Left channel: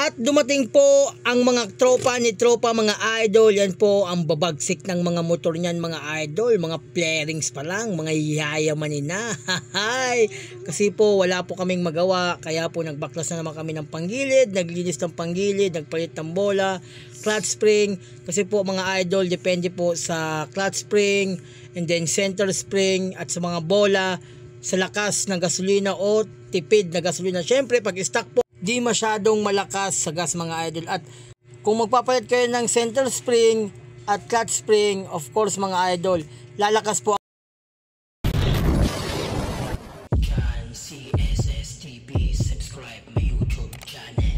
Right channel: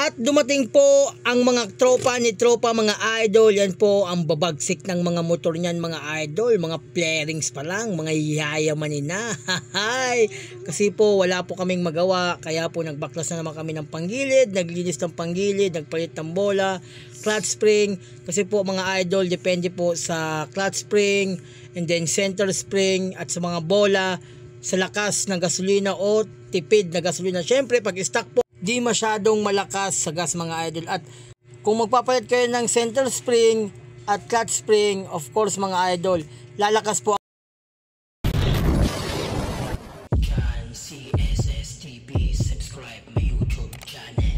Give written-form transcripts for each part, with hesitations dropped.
At dumating po ang mga tropa ni tropa, mga idol. Yan po ang babagsik ng mga motor niyan, mga idol. Mga flarings pa lang, mga yayamanin na. Kasi po wala po kaming magawa, kaya po nagbaklas na naman kami ng panggilid, naglinis ng panggilid, nagpalit ng bola, clutch spring. Kasi po mga idol, depende po sa clutch spring and then center spring at sa mga bola, sa lakas ng gasolina o tipid na gasolina. Syempre pag stock po, di masyadong malakas sa gas mga idol. At kung magpapalit kayo ng center spring at clutch spring, of course mga idol, lalakas po CSSTV. Subscribe my YouTube channel.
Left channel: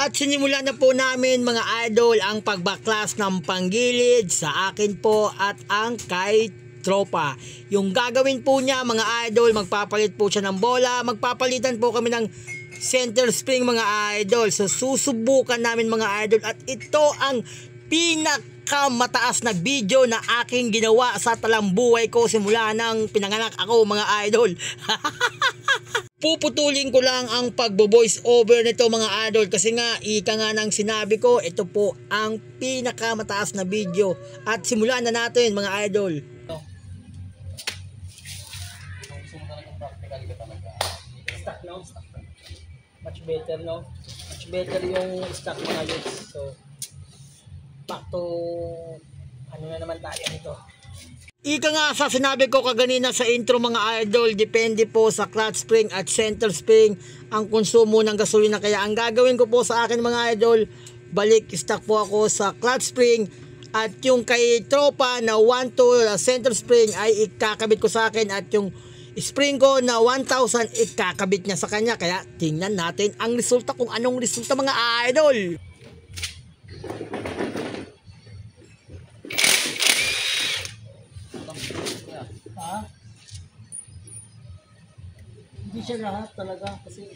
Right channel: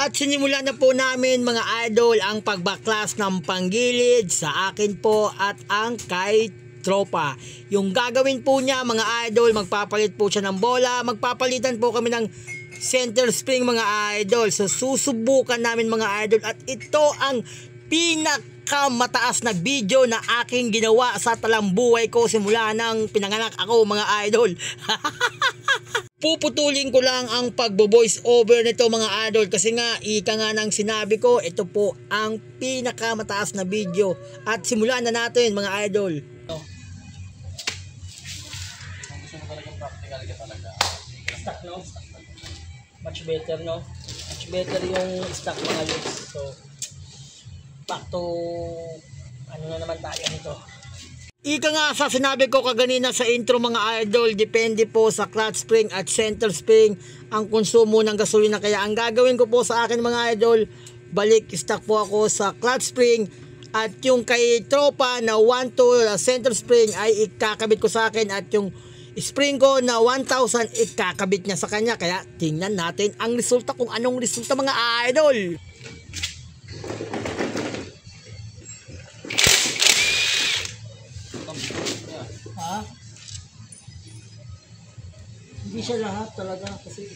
At sinimula na po namin mga idol ang pagbaklas ng panggilid sa akin po at ang kay tropa. Yung gagawin po niya mga idol, magpapalit po siya ng bola, magpapalitan po kami ng center spring mga idol. So susubukan namin mga idol, at ito ang pinakamataas na video na aking ginawa sa talambuhay ko simula nang pinanganak ako mga idol. Puputulin ko lang ang pagbo-voice over nito mga idol, kasi nga ika nga nang sinabi ko, ito po ang pinakamataas na video. At simulan na natin mga idol. Gusto mo talagang practical ka talaga. Stock no? Much better no? Much better yung stock mga youths. So back to ano na naman tayo nito. Ika nga sa sinabi ko kaganina sa intro mga idol, depende po sa clutch spring at center spring ang konsumo ng gasolina. Kaya ang gagawin ko po sa akin mga idol, balik stock po ako sa clutch spring, at yung kay tropa na 1.2 center spring ay ikakabit ko sa akin, at yung spring ko na 1,000 ikakabit niya sa kanya. Kaya tingnan natin ang resulta, kung anong resulta mga idol. Ha? Hindi siya lahat talaga kasi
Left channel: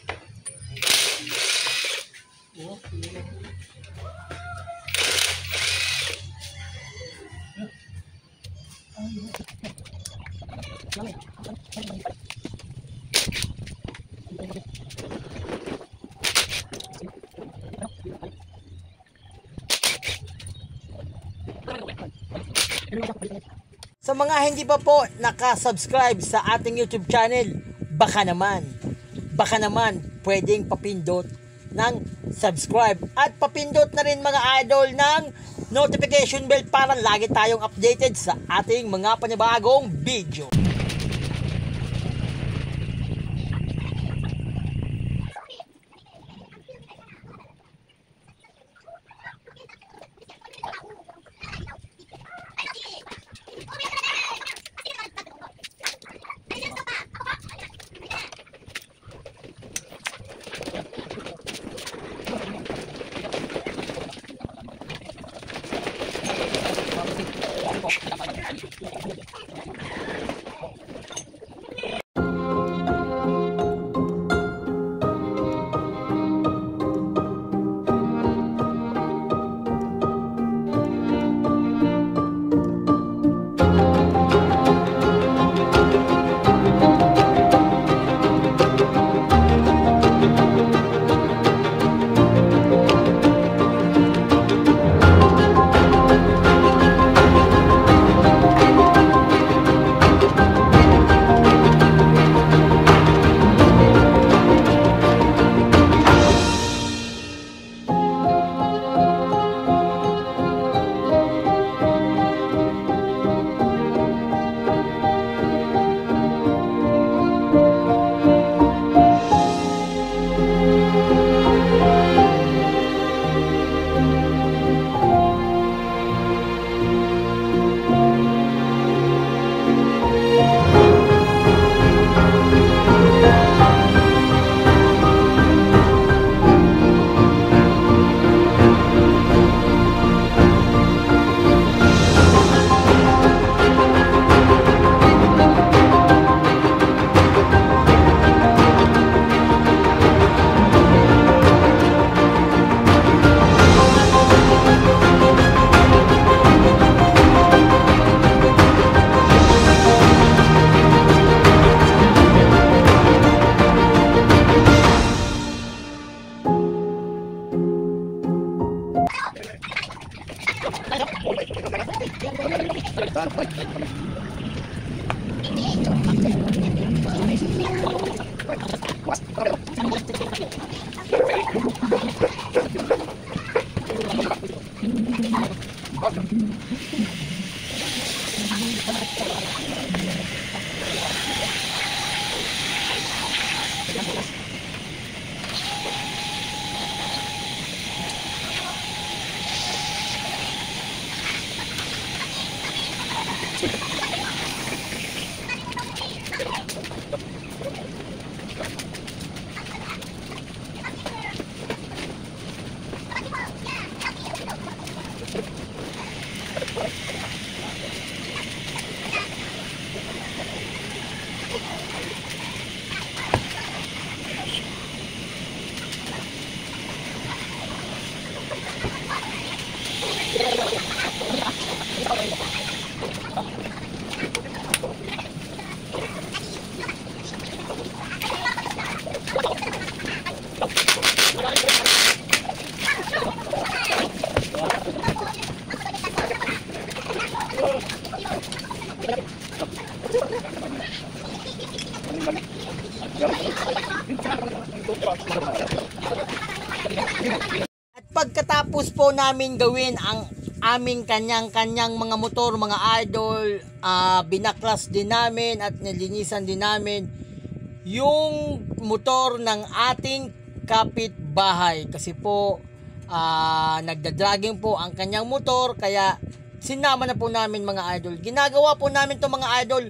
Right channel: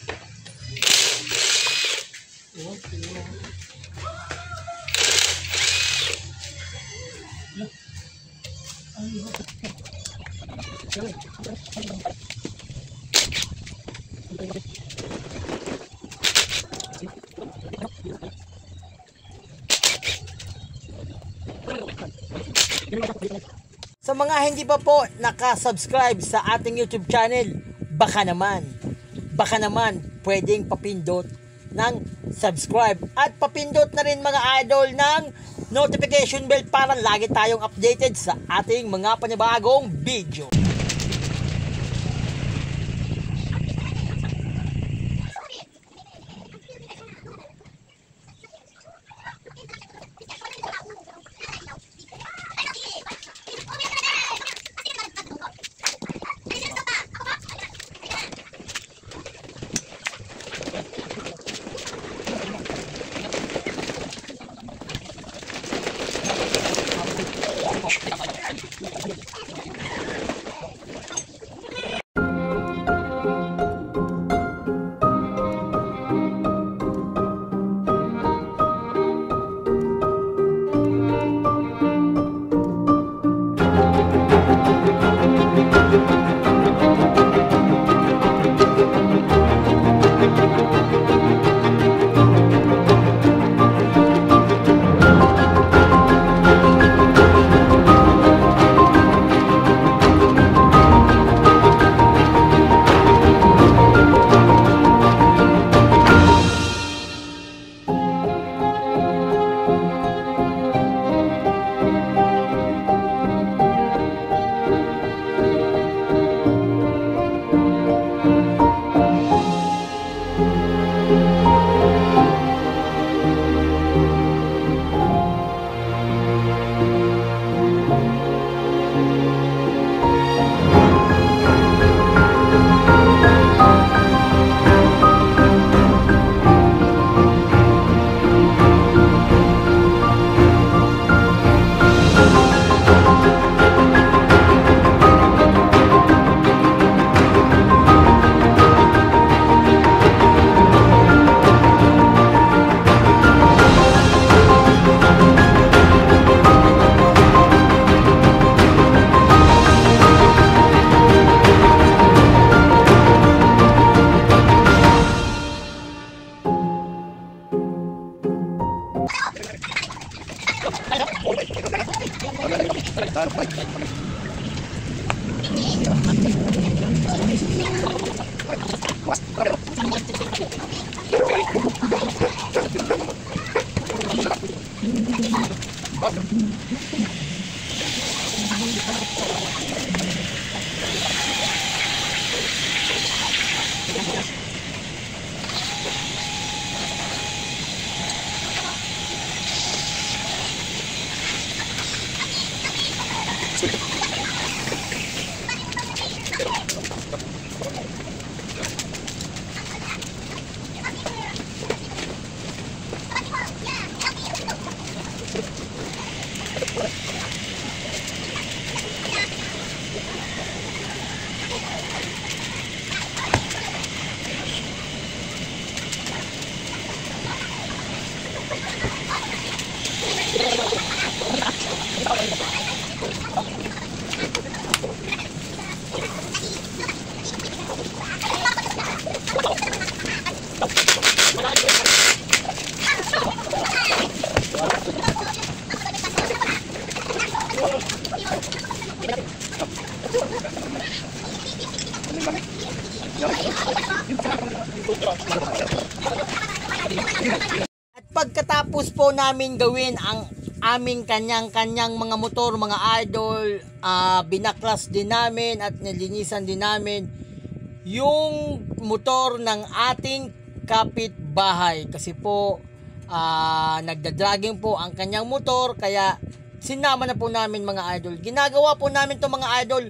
sa mga hindi pa po nakasubscribe sa ating YouTube channel, baka naman pwedeng papindot ng subscribe at papindot na rin mga idol ng notification bell para lagi tayong updated sa ating mga panibagong video. At pagkatapos po namin gawin ang aming kanyang-kanyang mga motor, mga idol, binaklas din namin at nilinisan din namin yung motor ng ating kapitbahay. Kasi po nagdadragging po ang kanyang motor, kaya sinama na po namin mga idol. Ginagawa po namin to mga idol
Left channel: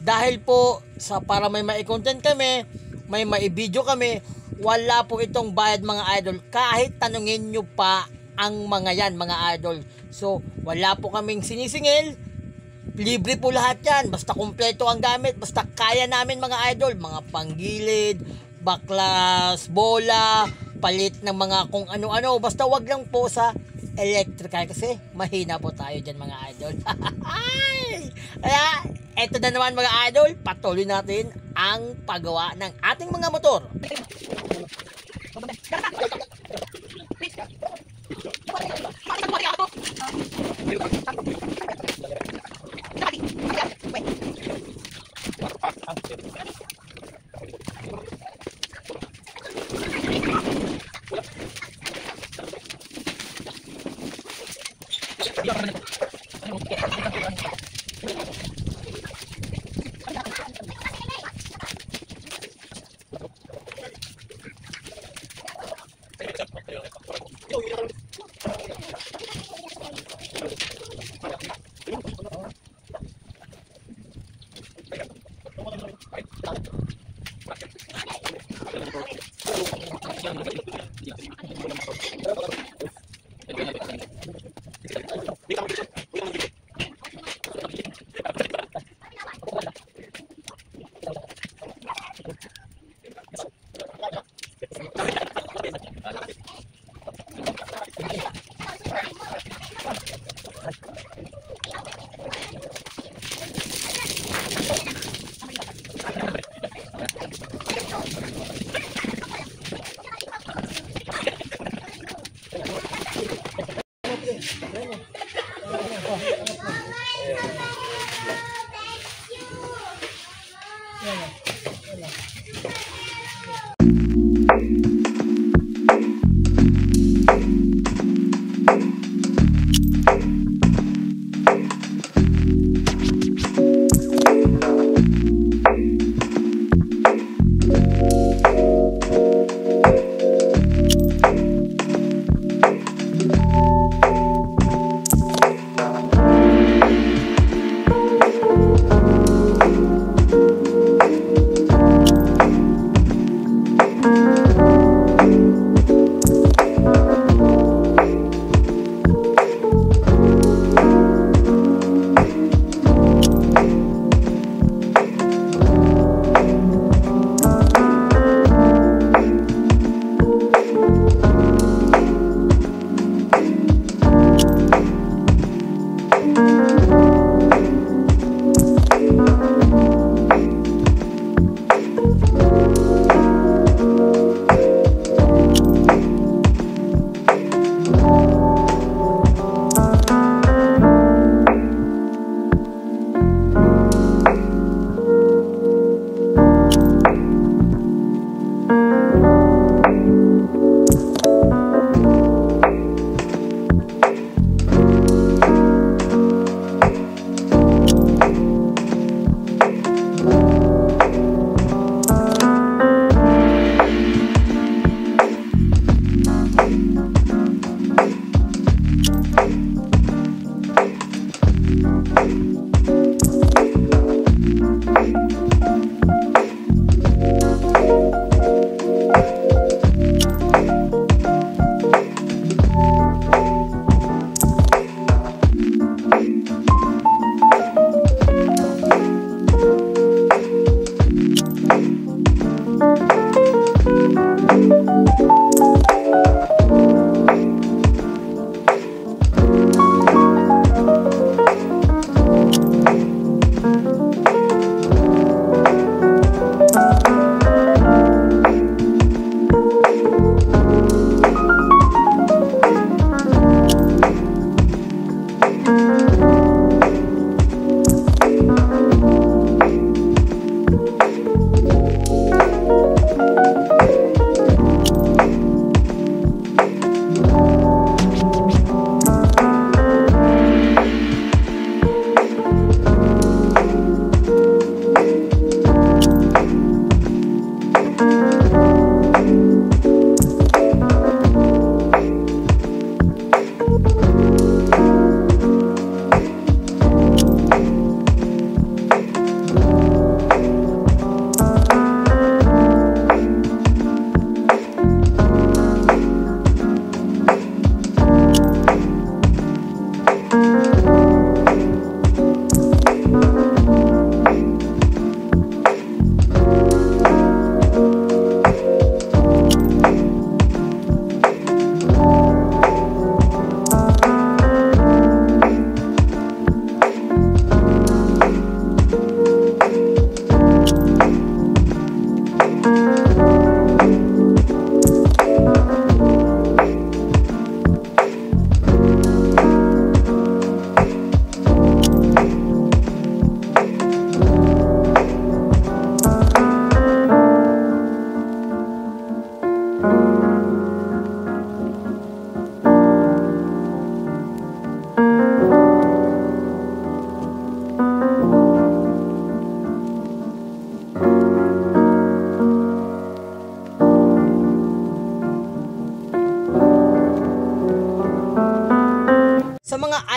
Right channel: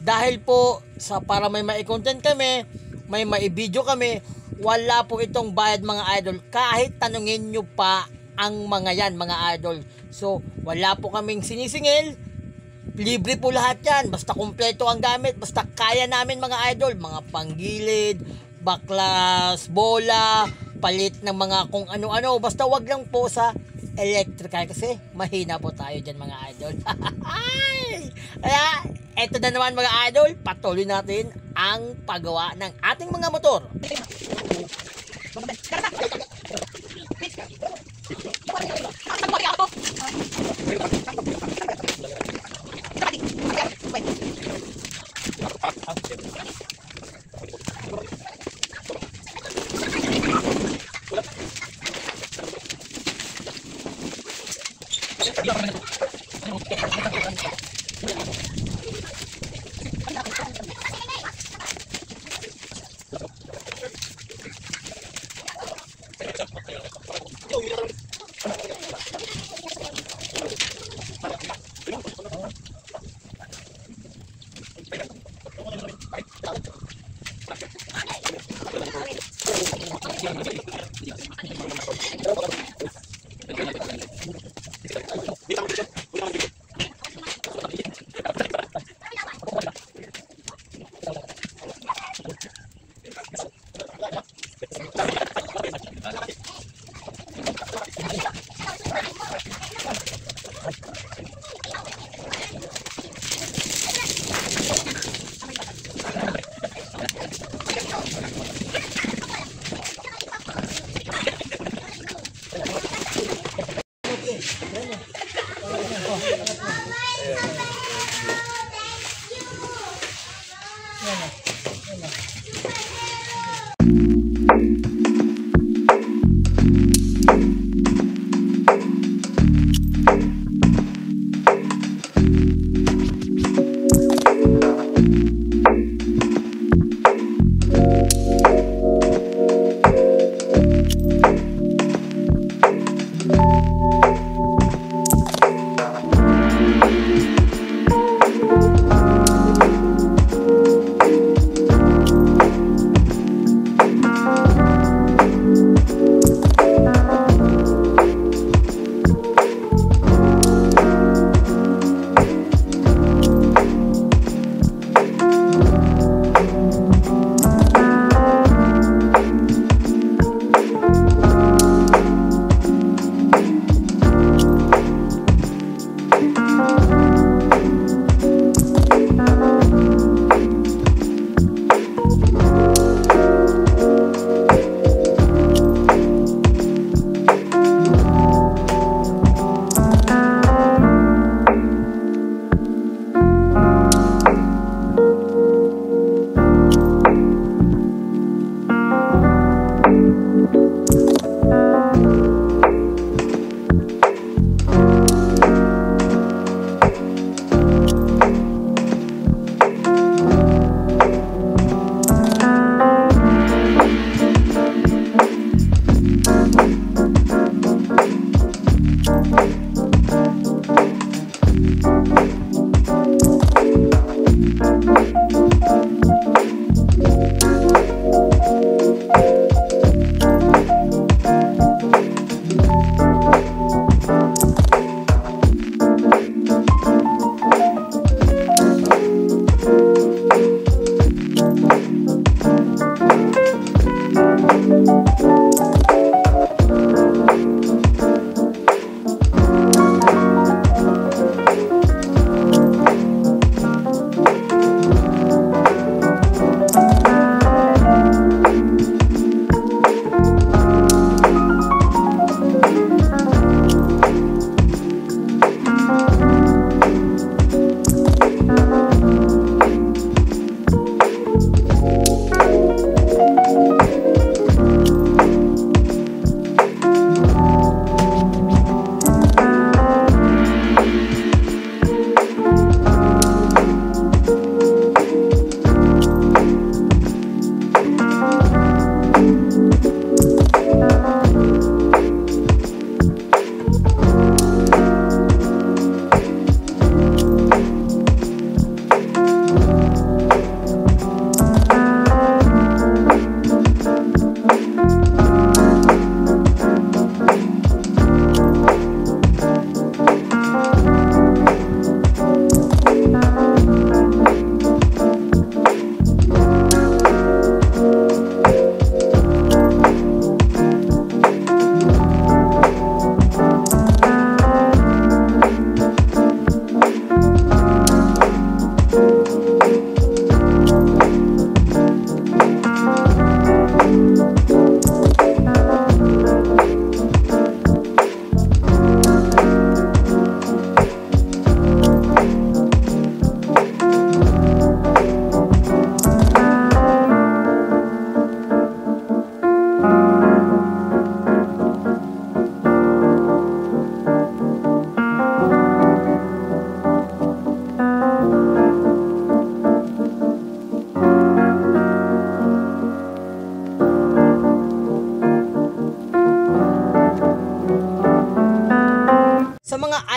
dahil po para may mai-content kami, may mai-video kami. Wala po itong bayad mga idol, kahit tanungin nyo pa ang mga yan mga idol. So wala po kaming sinisingil, libre po lahat yan, basta kumpleto ang gamit, basta kaya namin mga idol. Mga panggilid, baklas, bola, palit ng mga kung ano-ano, basta wag lang po sa electrical kasi mahina po tayo dyan mga idol. Kaya eto na naman mga idol, patuloy natin ang paggawa ng ating mga motor.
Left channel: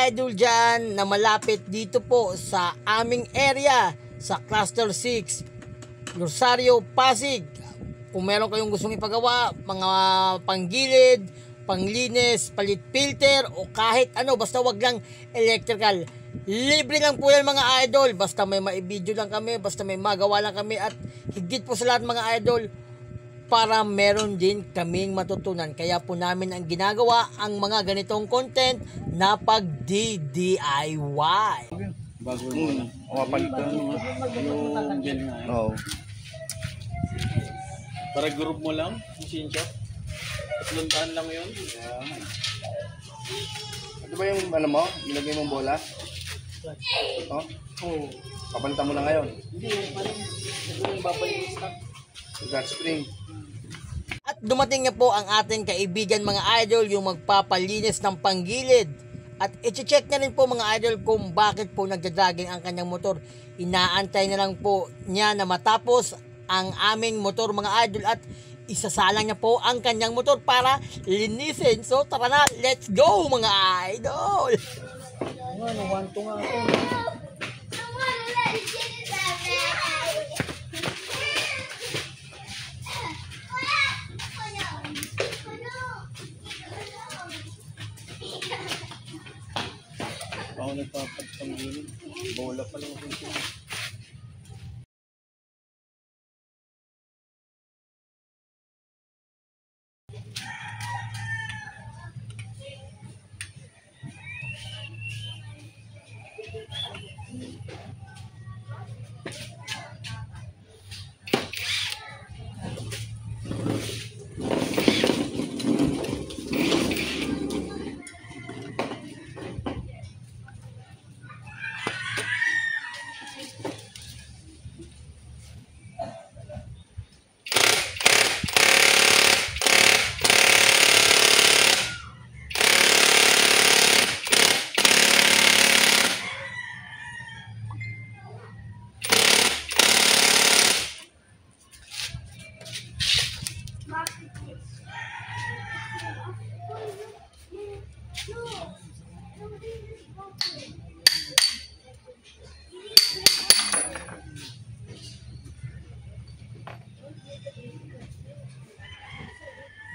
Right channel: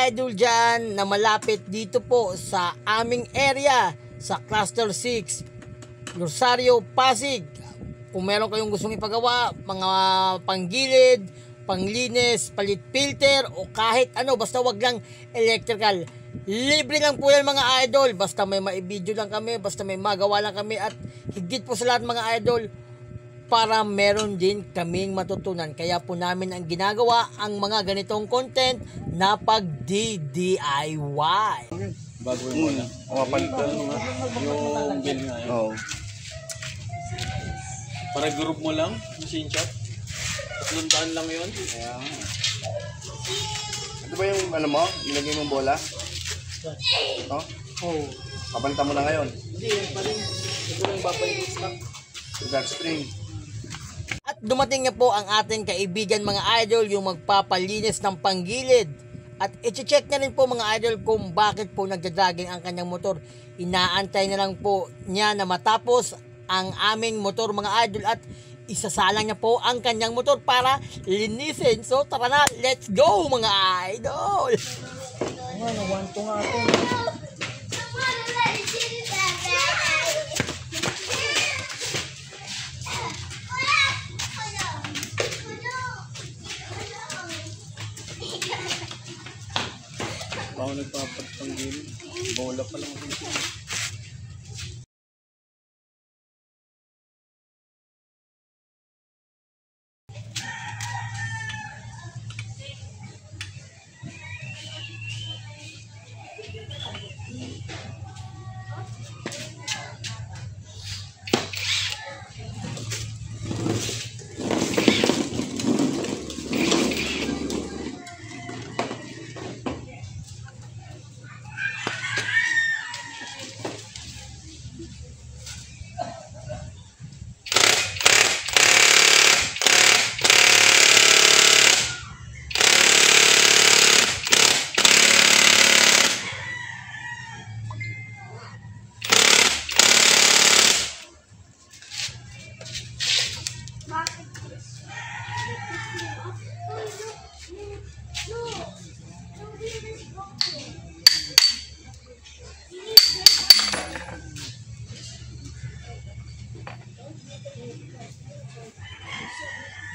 idol dyan na malapit dito po sa aming area sa Cluster 6, Rosario, Pasig. Kung meron kayong gustong ipagawa, mga panggilid, panglinis, palit filter o kahit ano, basta wag lang electrical. Libre lang po yan mga idol, basta may maibideo lang kami, basta may magawa lang kami, at higit po sa lahat mga idol, para meron din kaming matutunan. Kaya po namin ang ginagawa ang mga ganitong content na pag-DIY. Bago mo lang. O, palitan mo nga. Yung bill nga yun. Oo. Para group mo lang, machine shop. Tatlong lang yun. Ayan. Ito ba yung ano mo? Nilagay mong bola? Ito? Oh. Kapalitan mo na ngayon. Hindi, pa rin. Ito lang babalik yung stock. Yung spring. At dumating na po ang ating kaibigan mga idol, yung magpapalinis ng panggilid. At i-check na rin po mga idol kung bakit po nagdadragging ang kanyang motor. Inaantay na lang po niya na matapos ang aming motor mga idol at isasalang niya po ang kanyang motor para linisin. So tara na, let's go mga idol! Ano, wanto nga ito. Ako nagpapapanggilid. Bola pa lang rin siya.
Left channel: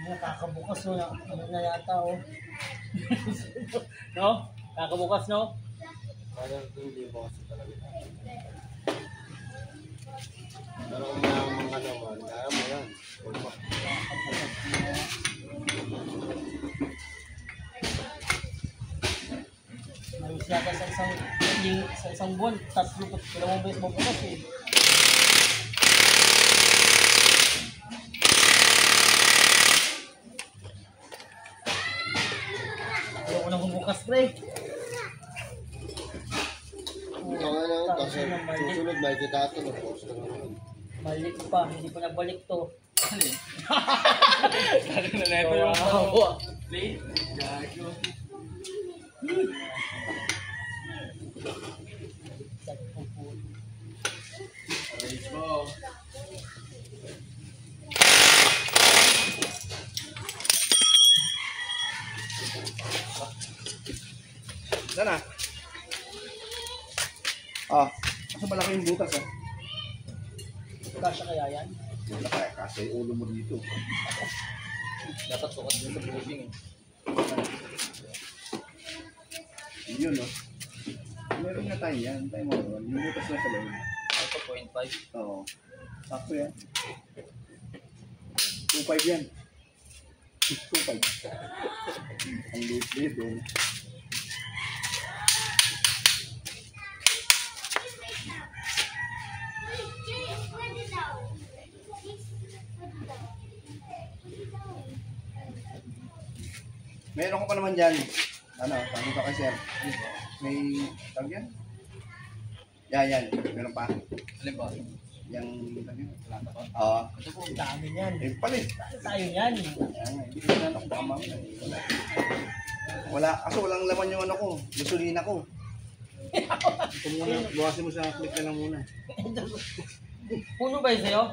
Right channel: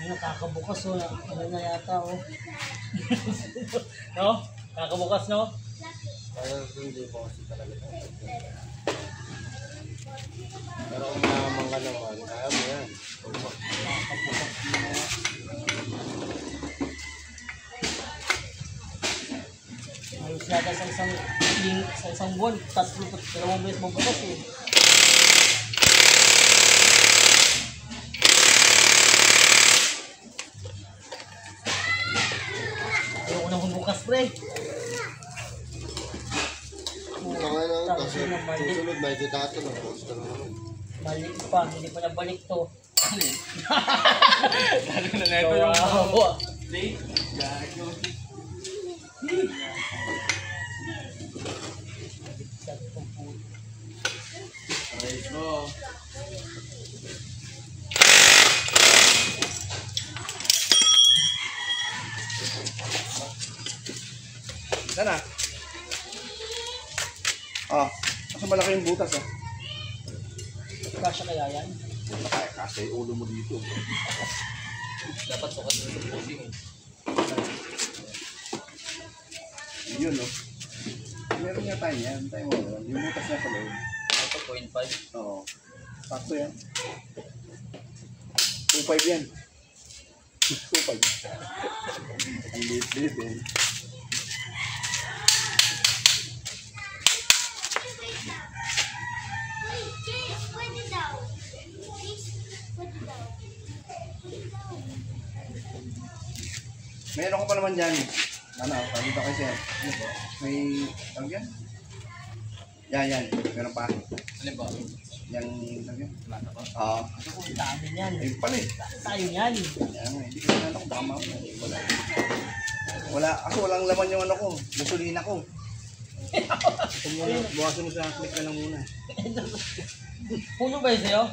Nakakabukas o, ano na yata o. No? Kakabukas no? Pero hindi po kasi talaga. Pero kung mayaman ka naman, kaya mo yan. Kakabukas na. Ayos yata sa isang buwan, 2 beses mabukas eh. Ayoko na bubukas pre. Kasi susunod na ikita ito. Nag-post ka na naman. Malik pa, hindi pa nabalik to. Dali na neto yung play. Gago. Aray ko. Sana. Ah, kasi malaki yung butas ah. Kasya kaya yan? Buta kaya kasi ulo mo dito. Dapat sukat dun sa pushing eh. Yun no. Meron nga tayo yan. Tayo mo. Yung butas na sa loob. Ito 0.5. Oo. Sakto yan. 2.5 yan. 2.5. Ang liit-liit eh. Meron ko pa naman dyan. Ano, sabi ko kay sir. May, tawag yan? Yan. Meron pa. Alin ba? Yang, tawag yan? Wala na ba? Oo. Ang dami yan. Eh, palit. Tayo yan. Kaya nga, hindi ko na ako baka mamaya. Wala. Wala, kasi walang laman yung ano ko. Gasolina ko. Ito muna, buwasin mo sa click na lang muna. Puno ba yun sa'yo?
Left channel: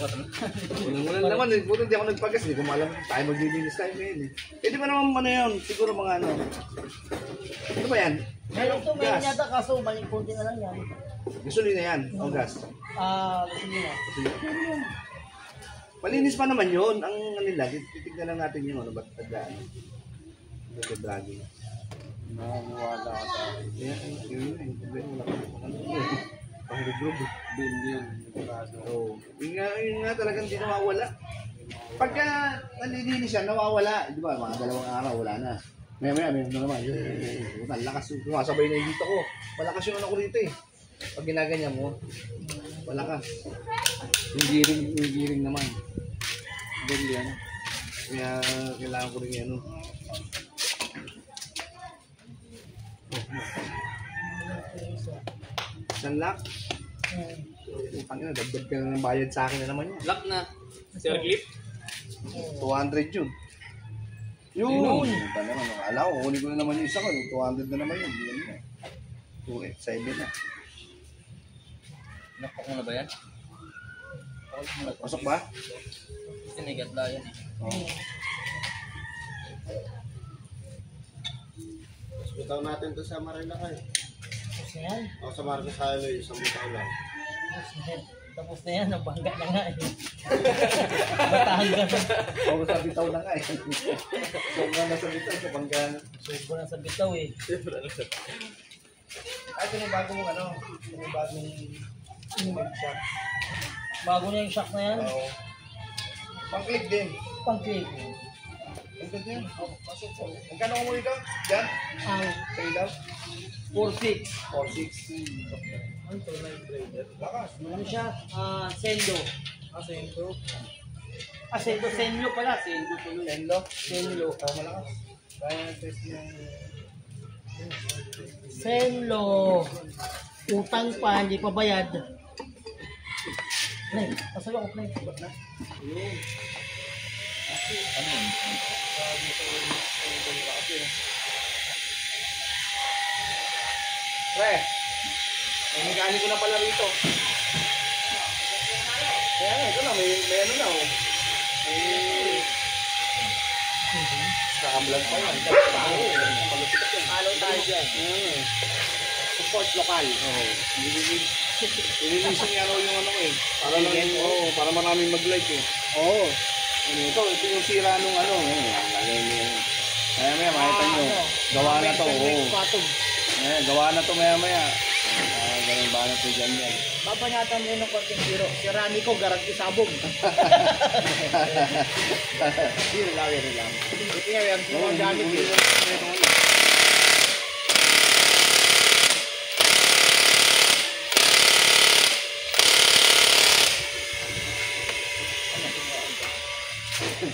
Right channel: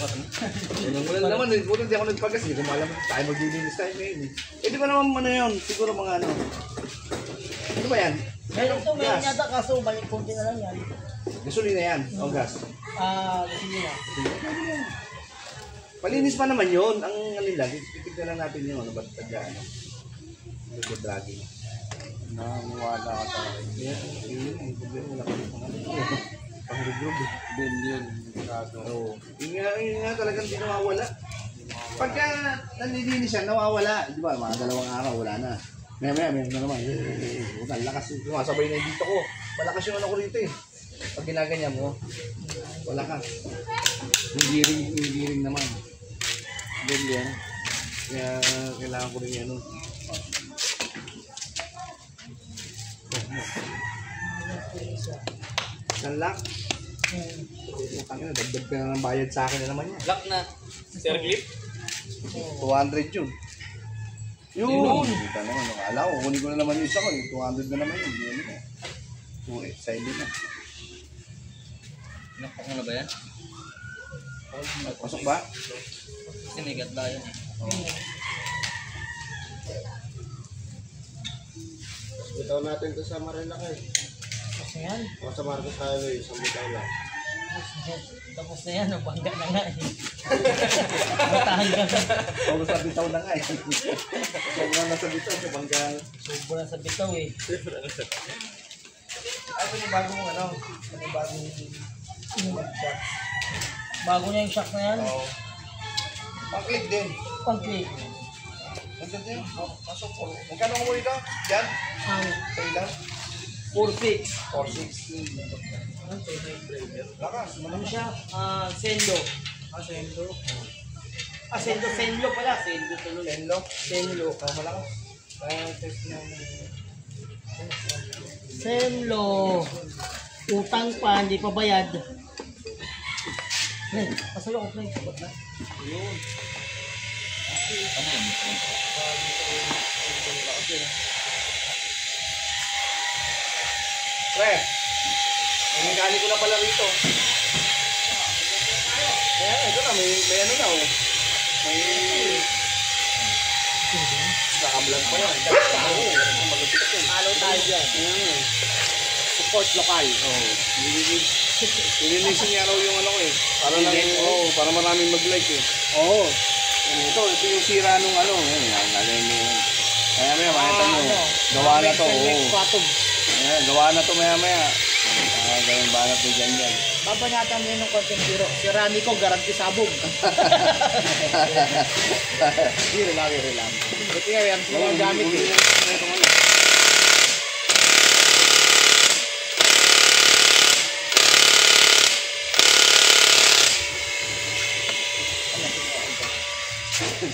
Walang naman, buto hindi ako nagpagas. Hindi ko maalam tayo maglilinis tayo ngayon eh. Eh di ba naman ano yun? Siguro mga ano. ba yan? Meron to, meron Gas. yata kaso balik konti na lang yan. Gasolina yan. O gas. Gasolina. Malinis pa naman yun. Ang alila, titignan lang natin yung ano, ba't taga ano. Ito dragging. Naniwala ka sa akin. Kaya, yun yung problema. Wala ka yung pangalan. Pang-regrove eh. Billion. Sigurado. Oo. Yun nga talagang di nawawala. Pagka nalilinis yan, nawawala. Di ba, mga 2 araw, wala na. Maya, meron na naman. Ang lakas. Sumasabay na yung dito ko. Malakas yung ano ko rito eh. Pag ginaganyan mo, malakas. Yung giring naman. Billion. Kaya kailangan ko rin yan. Sanlak. Utang na, dagdag ka na ng bayad sa akin na naman yan. Lock na. Sir Clip. 200 yun. Yun! Ito naman, akala ko, kunin ko na naman yung isa ko, 200 na naman yun. Yun na. 287 na. Nakpak mo na ba yan? Pasok ba? Kasi may gatla yan eh. Oo. Bitaw natin to sa Marilaki. Tapos na yan. O sa Marcos Highway, isang bitaw lang. Tapos na yan, bangga na nga eh. Batahan ka na. Oo, sa bitaw na nga eh. Sobrang nasa bitaw, sa banggaan. Sobrang sa bitaw eh. Ay, ito yung bago mong ano? Ito yung bagong mag-shock. Bago na yung shock na yan. Oo. Pang-click din. Pag-click. Ang ganda yun. Pasok po. Magkano ko mo dito? Yan? Ang Sa ilaw? 4-6. 4-6. Lakas. Ano siya? Sendo. Sendo. Senlo pala. Sendo tuloy. Senlo. Senlo. Oh, malakas. Kaya test yung... Senlo. Utang pa, hindi pa bayad. Pre, pasalo ko pre. Sabot na. Yun. Ano yun? Pre, may mekaniko na pala rito. Kaya nga, ito na, may ano na. May... Nakablog pa yan. Halo tayo dyan. Support lokal. Oo. Nililisin nga raw yung ano ko eh. Para lang, para maraming mag-like eh. Oo. Ito yung sira nung ano. Galing mo yun. Maya, makita mo. Gawa na to. Ayan, gawa na to maya. Gawin ba na to dyan. Babanatan mo yun ng konting biro. Si Rani ko, garanti sabog. Hindi lang. Buti nga yan, yung gamit yun.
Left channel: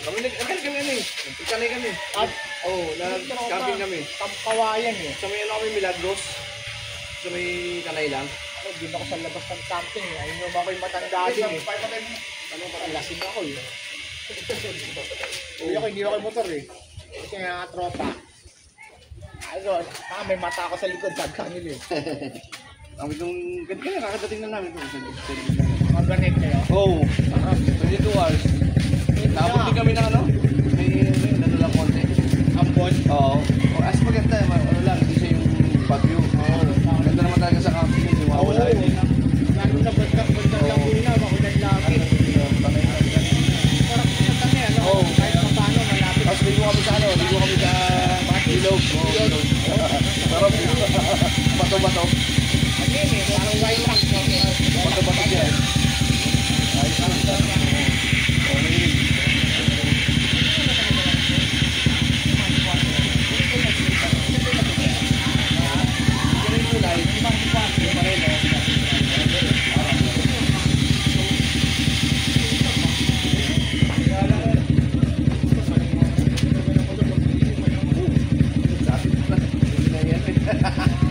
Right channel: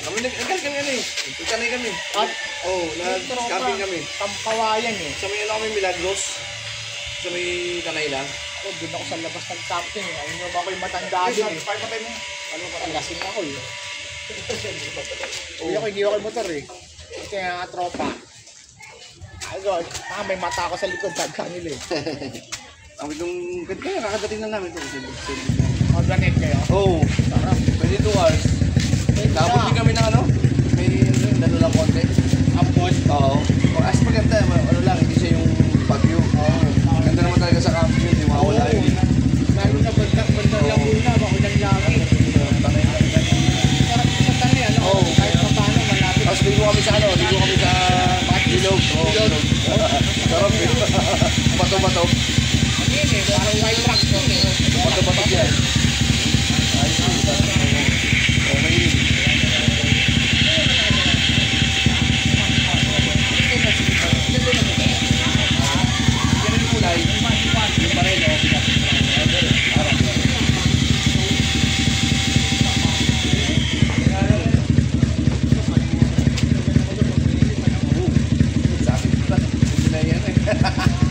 Kami nag-camping kami. Ikanay kami. At, Nag-camping kami. Tampawayan eh. Sa may ano kami, Milagros. Sa may kanay lang. Ako, din ako sa labas ng camping eh. Ayun nyo ba ako'y matanda din eh. Ano pa? Lasing ako eh. Hindi ako motor eh. Ito yung tropa. Ayun, may mata ako sa likod. Tagkang nila eh. Ang itong ganyan, kakadating lang namin ito. Maganet kayo. Oo. 22 hours. Nakabot din kami na ano? May ano lang konti. Ambon. Oo. As maganda, ano lang, hindi siya yung bagyo. Ganda naman talaga sa camping yun, di mawala yun. Lalo na bundang Laguna, makulang langit. Oo. Kahit pa paano, malapit. Tapos ligo kami sa ano, ligo kami sa ilog. Oo, ilog. Sarap eh. Bato-bato. Bato-bato dyan. Ayos yun. Oo, mahilig.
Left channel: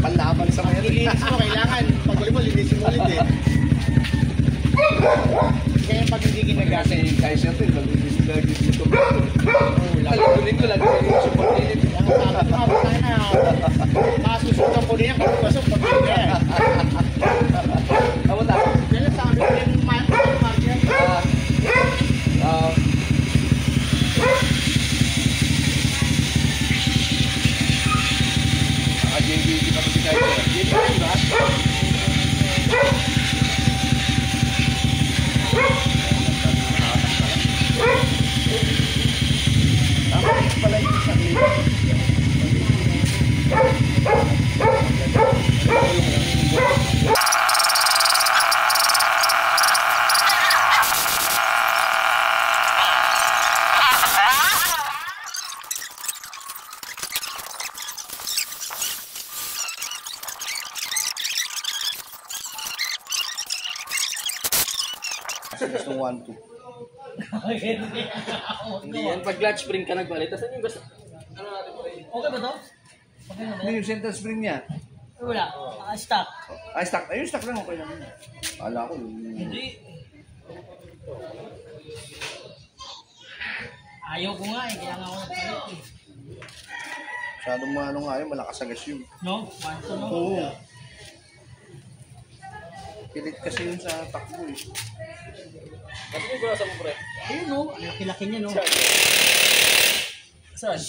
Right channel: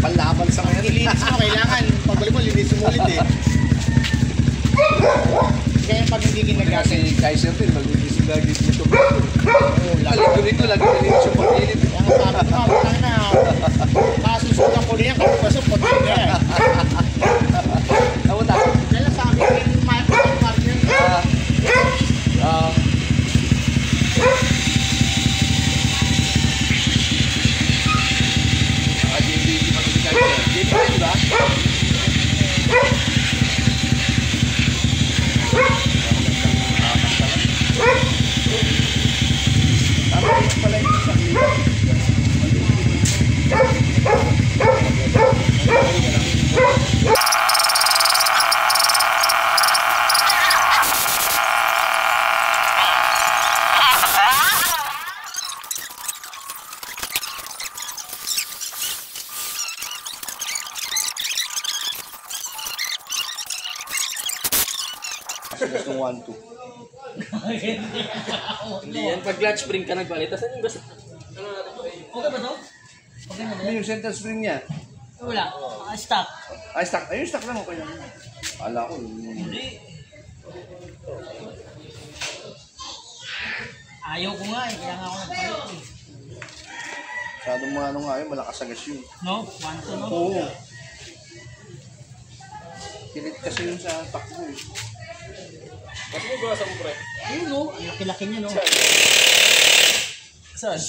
Panlaban sa mga Nilinis mo, kailangan. Pag mo, linisin mo ulit eh. Kaya pag hindi ginagamit. kasi Kaiser din, mag-ugising lagi sa ito. Lagi ko dito, lagi ko dito sa pag-ilit. Kaya sabi ko, abot na. Kasusukan ko niya, kasi pasok pag niya. Ako na. Kaya sa amin, yung partner. Again Gusto ng 1-2. Hindi yan. Pag clutch spring ka nagpalit, tapos yung basta... Ano natin pa rin? Okay ba to? Okay na ba Ano yan? yung center spring niya? Wala. Stock. Ay, stock. Ayun, stock lang. Okay lang. Ala ko. Hindi. Ayaw ko nga eh. Kaya nga ako nagpalit eh. Masyadong mga ano nga yun. Malakas agas yun. No? 1-2 no? Oo. Pilit kasi yun sa takbo eh. Kasi yung gurasa mo, pre. Ayun no. Ang laki-laki niya no. Saan?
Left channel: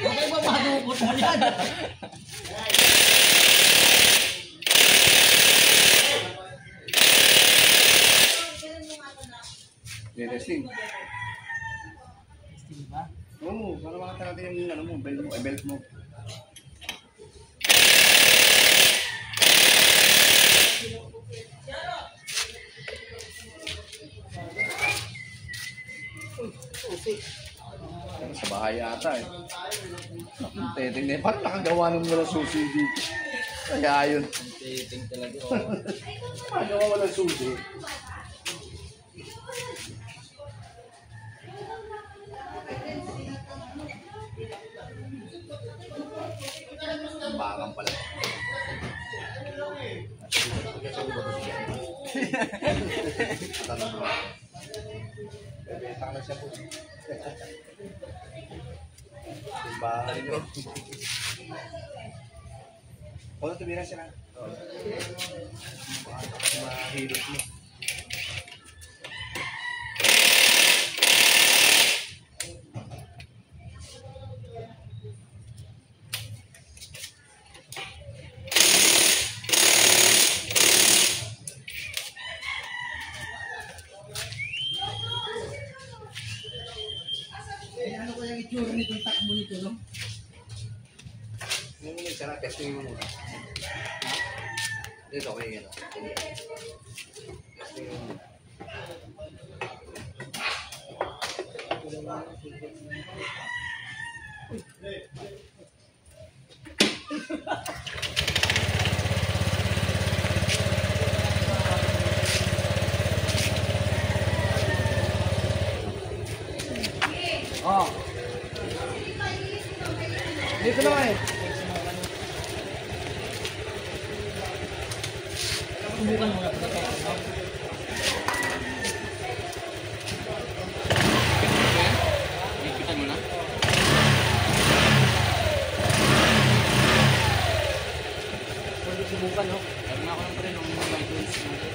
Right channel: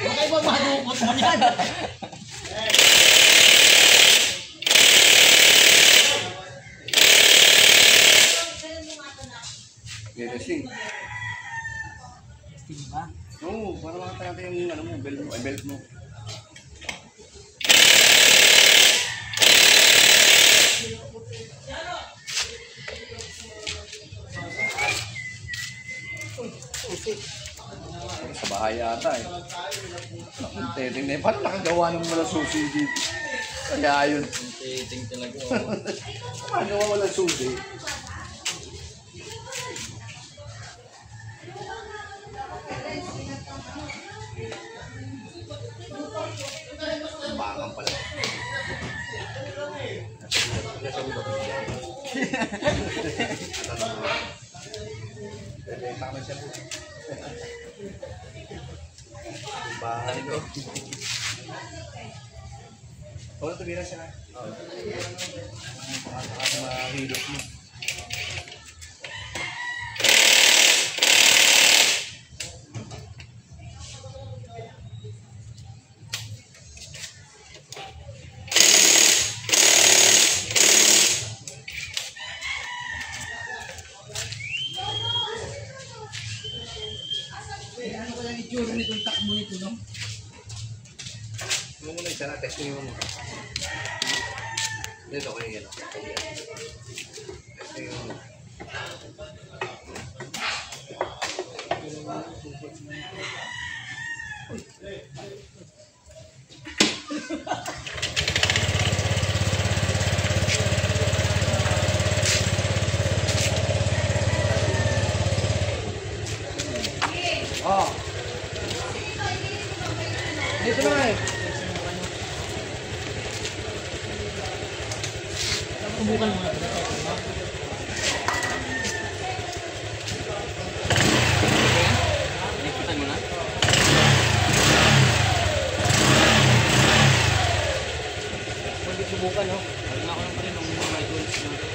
Baka iba madukot mo yan. Racing. Steam ba? Oo, para makita natin yung ano mo, belt mo, belt mo. Sa bahay ata eh. Tingnan, paano nakagawa ng wala susi dito? Kaya yun. Ting talaga. Paano wala susi? Bakang pala. Bebenta ka na siya po. Bakang ko. Huwag na tumira siya na. Baka mahilot mo. Ano kaya yung itsura nitong takbo nito no? Mo muna isa na, testing mo muna. Dito kayo yan. Testing mo muna. Oh. Dito na eh. Subukan mo na ito no? Inipitan mo na? Pwede subukan no? Lagi nga ako lang pa rin ng mobile tools na.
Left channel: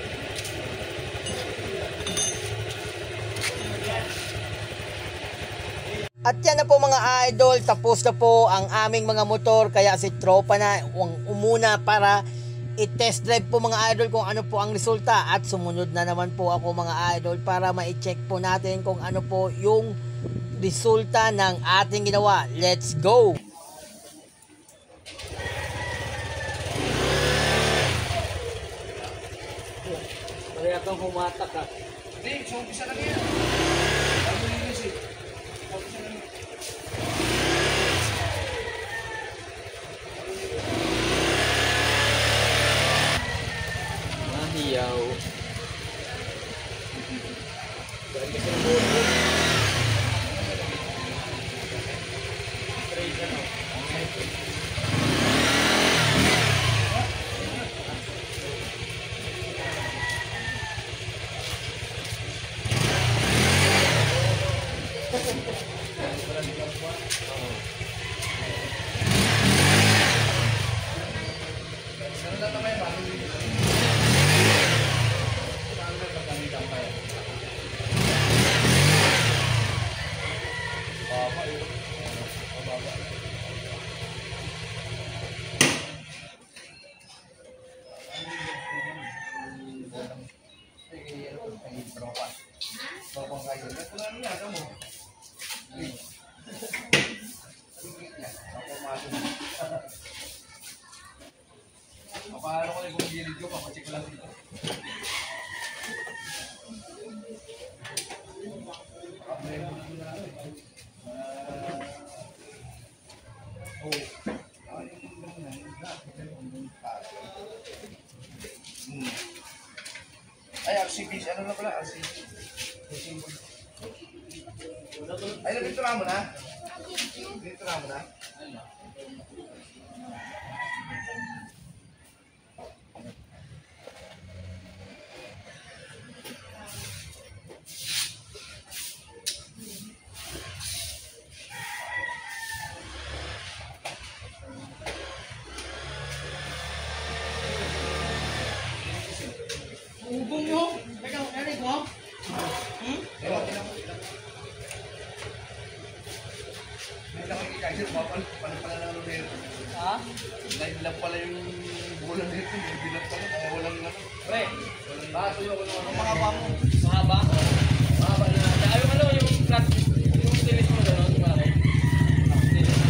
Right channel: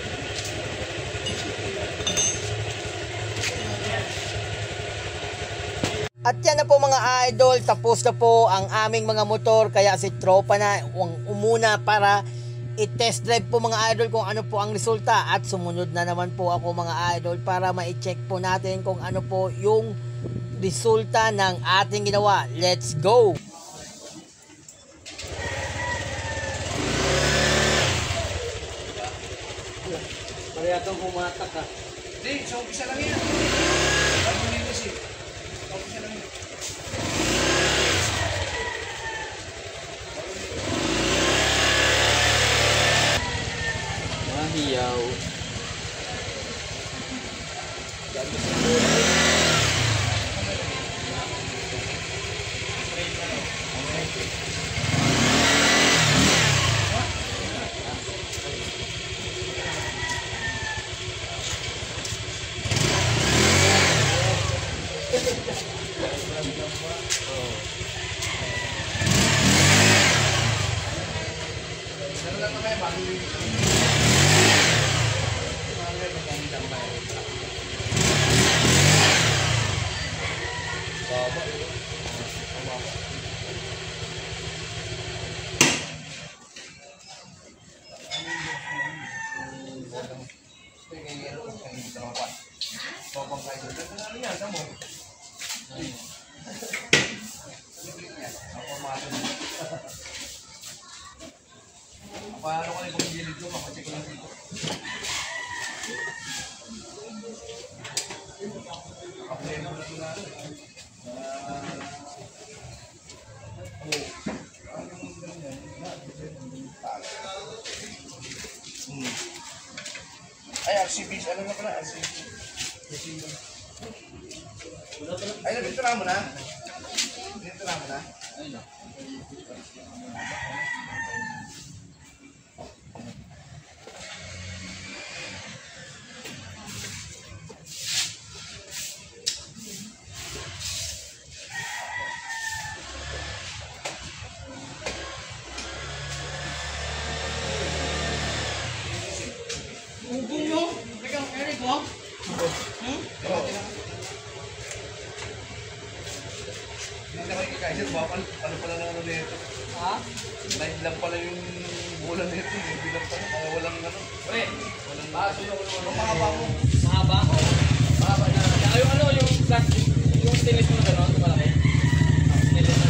At yan na po mga idol, tapos na po ang aming mga motor, kaya si tropa na umuna para i-test drive po mga idol kung ano po ang resulta, at sumunod na naman po ako mga idol para ma-check po natin kung ano po yung resulta ng ating ginawa. Let's go! Pareha kang humatak ka. Hindi, sa umpisa lang yan. Ano yung kasi? Sa umpisa lang yan. Mahiyaw. Paano ko lang kung gilid ko, papacheck ko lang dito. Ay, RCB. Ano na pala? RCB. Ay, nabintura mo na? Nabintura mo na? Ugong nyo. Teka, Eric mo? Hindi na kayo kikasya. Palo pala na ano nito. Ha? Live lang pala yung bulan nito. Live lang pala. Kaya walang ano. Walang baso yung mahaba mo. Mahaba? Mahaba na. Yung ano, yung plastic. Yung stainless mo gano'n. Malaki. Stainless mo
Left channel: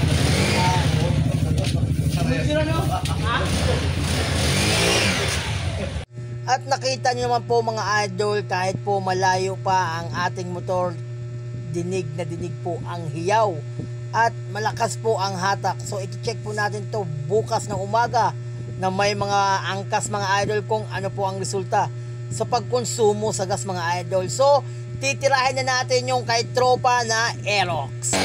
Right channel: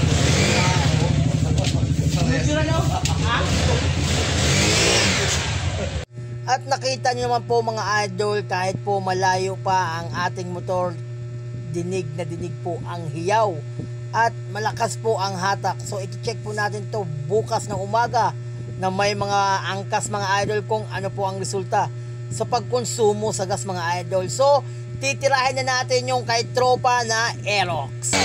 At nakita niyo naman po mga idol, kahit po malayo pa ang ating motor, dinig na dinig po ang hiyaw at malakas po ang hatak. So i-check po natin to bukas ng umaga na may mga angkas mga idol kung ano po ang resulta sa pagkonsumo sa gas mga idol. So titirahin na natin yung kay tropa na Aerox.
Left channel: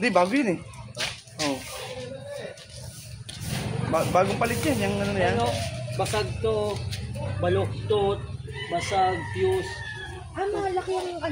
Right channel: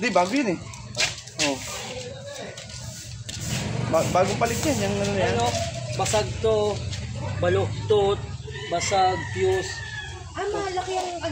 Hindi, bago yun eh. Oo. Bagong palit yan. Yung ano yan. Ano, basag to, baluktot, basag, fuse. Malaki ang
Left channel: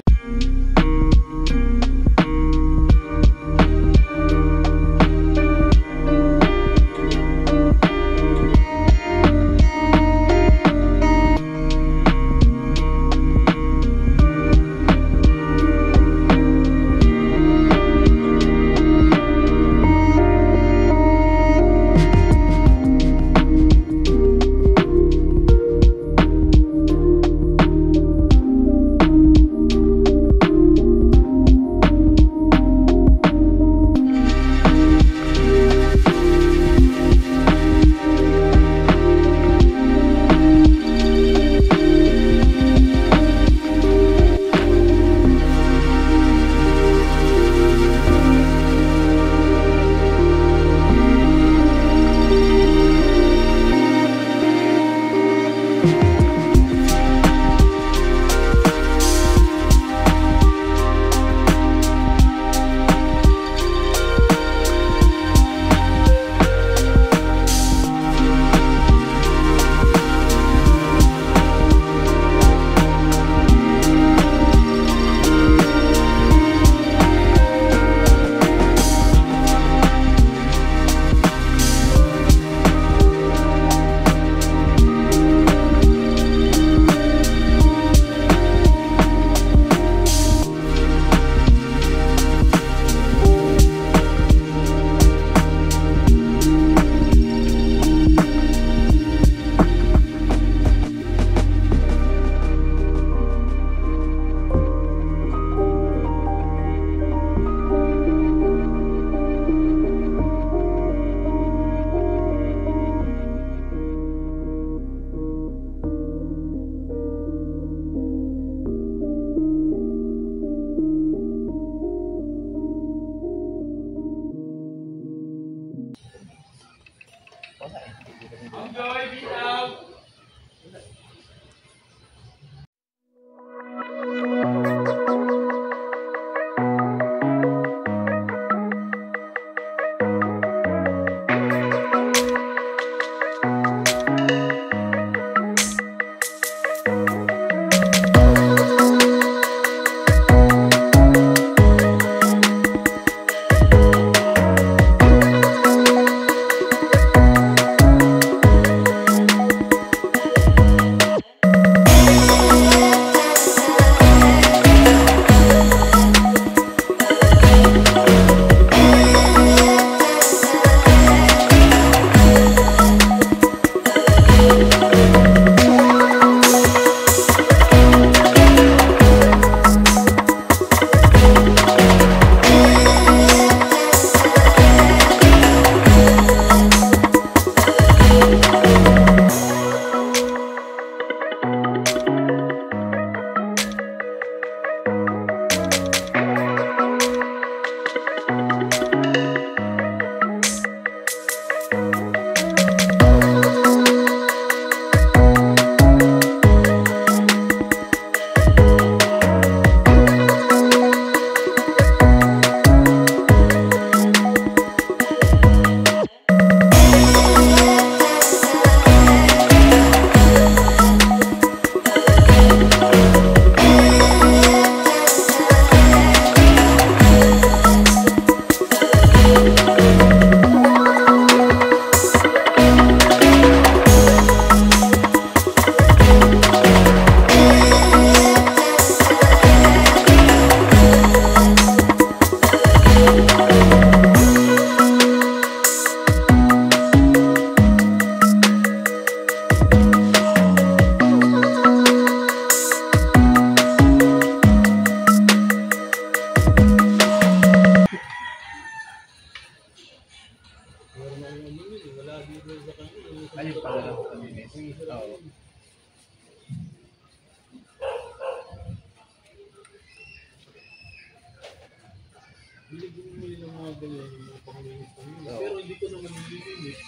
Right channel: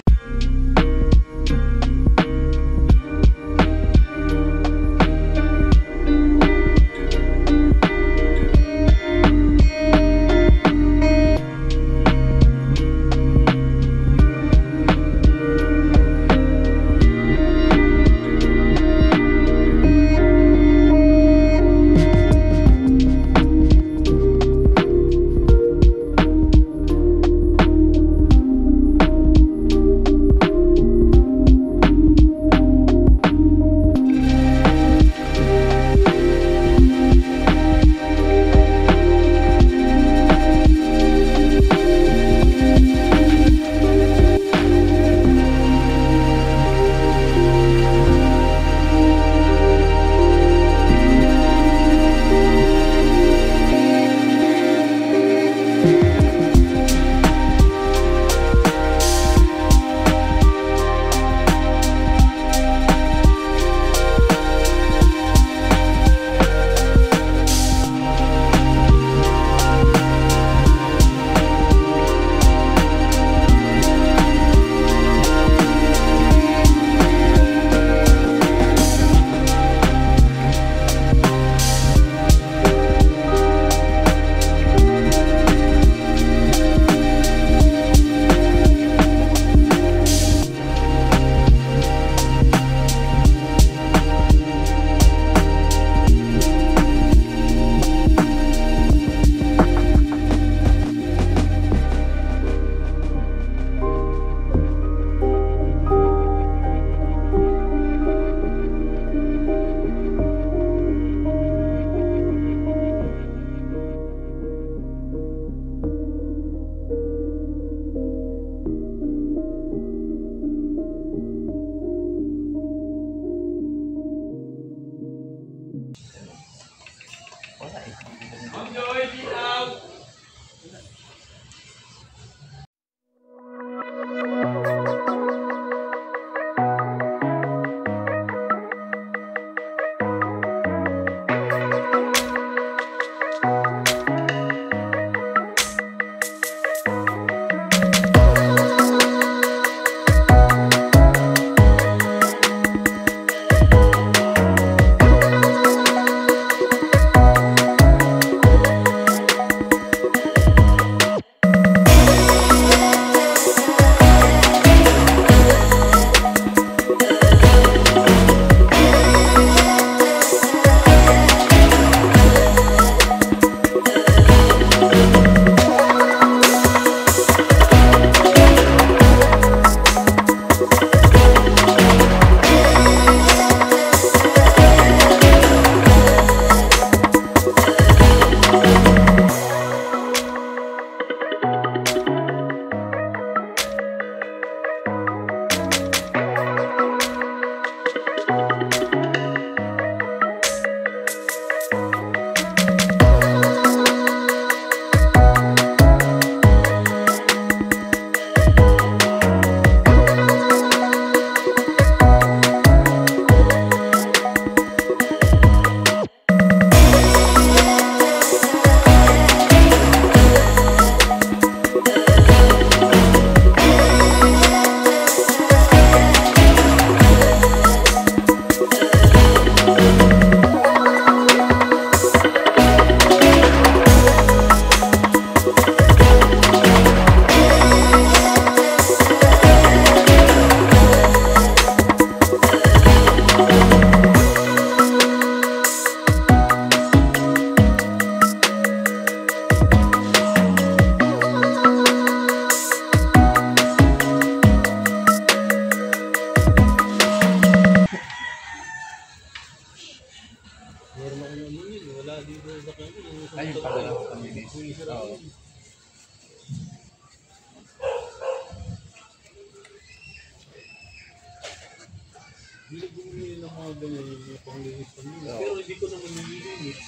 Pero hindi ko naman nililinis.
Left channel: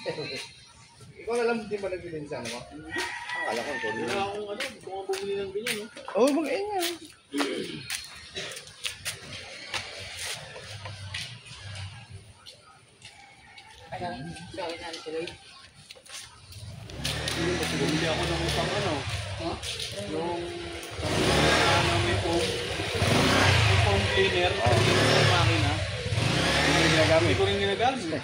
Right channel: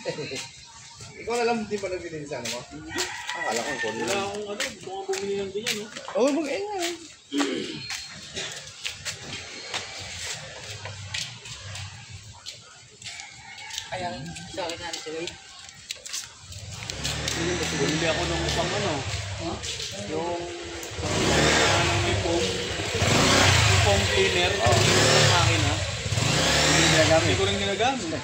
Ikaw na lang hindi pa nagbibinsan mo? Akala ko. Wala akong ano, gusto kong bumili ng ganyan, no? Oo, mag-ingay. Bumili ako ng pang ano. Yung foam cleaner, yung makina. Hindi ko rin ginagamit.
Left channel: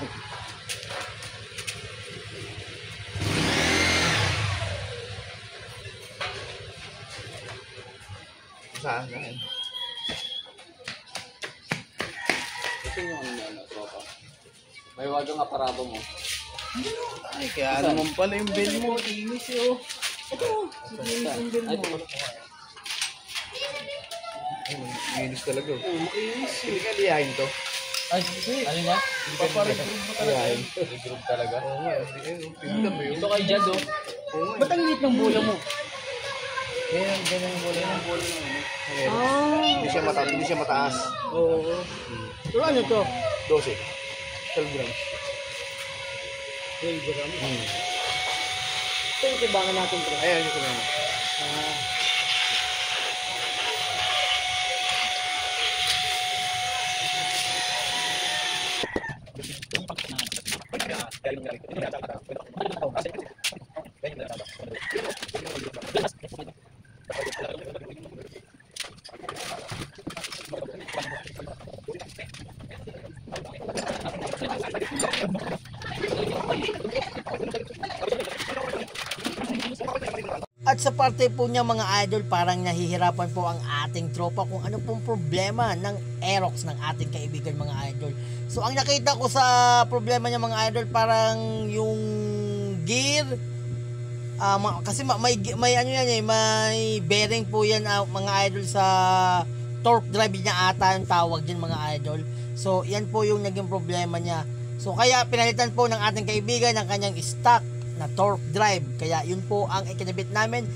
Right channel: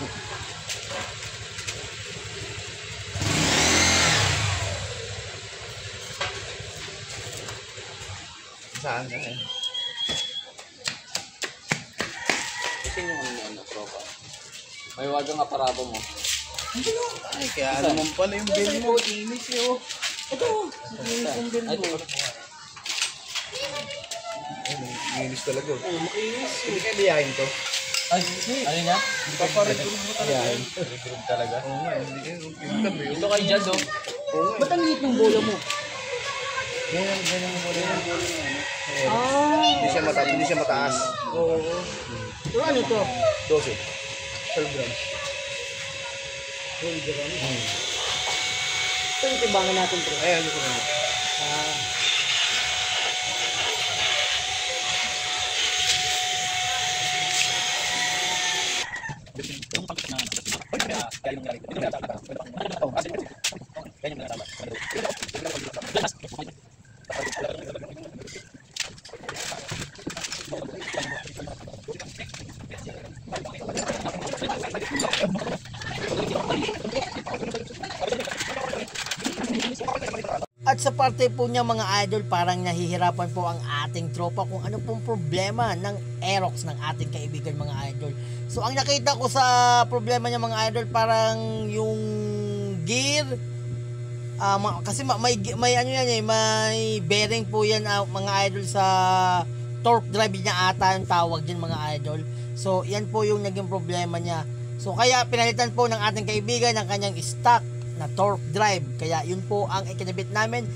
Saan ka eh? Ito yung ano, tropa. May wagang aparado mo. Ay, kaya naman pala yung bell mo. Inis yun. Ito. Inis yung bill mo. Minis talaga. Oo, makinis. Hindi ka liyahin to. Ay, ano nga? Paparegrove mo talaga. Liyahin. Regrove talaga. Oo nga, hindi ka. Ito kay Jad, oh. Oo nga. Ba't ang liit ng bola mo? Ganyan ang bola ng bola ng ano. Hindi siya mataas. Oo. Pero ano to? 12. 12 grams. 12 grams. Ito yung tibangan natin, bro. Ayan, ito naman. At sa parte po niya mga idol, parang nahihirapan po ang ating tropa kung ano pong problema ng Aerox ng ating kaibigan mga idol. So ang nakita ko sa problema niya mga idol, parang yung gear, kasi may ano yan eh, may bearing po yan mga idol sa torque drive niya ata yung tawag dyan mga idol. So yan po yung naging problema niya. So kaya pinalitan po ng ating kaibigan ng kanyang stock na torque drive. Kaya yun po ang ikinabit namin.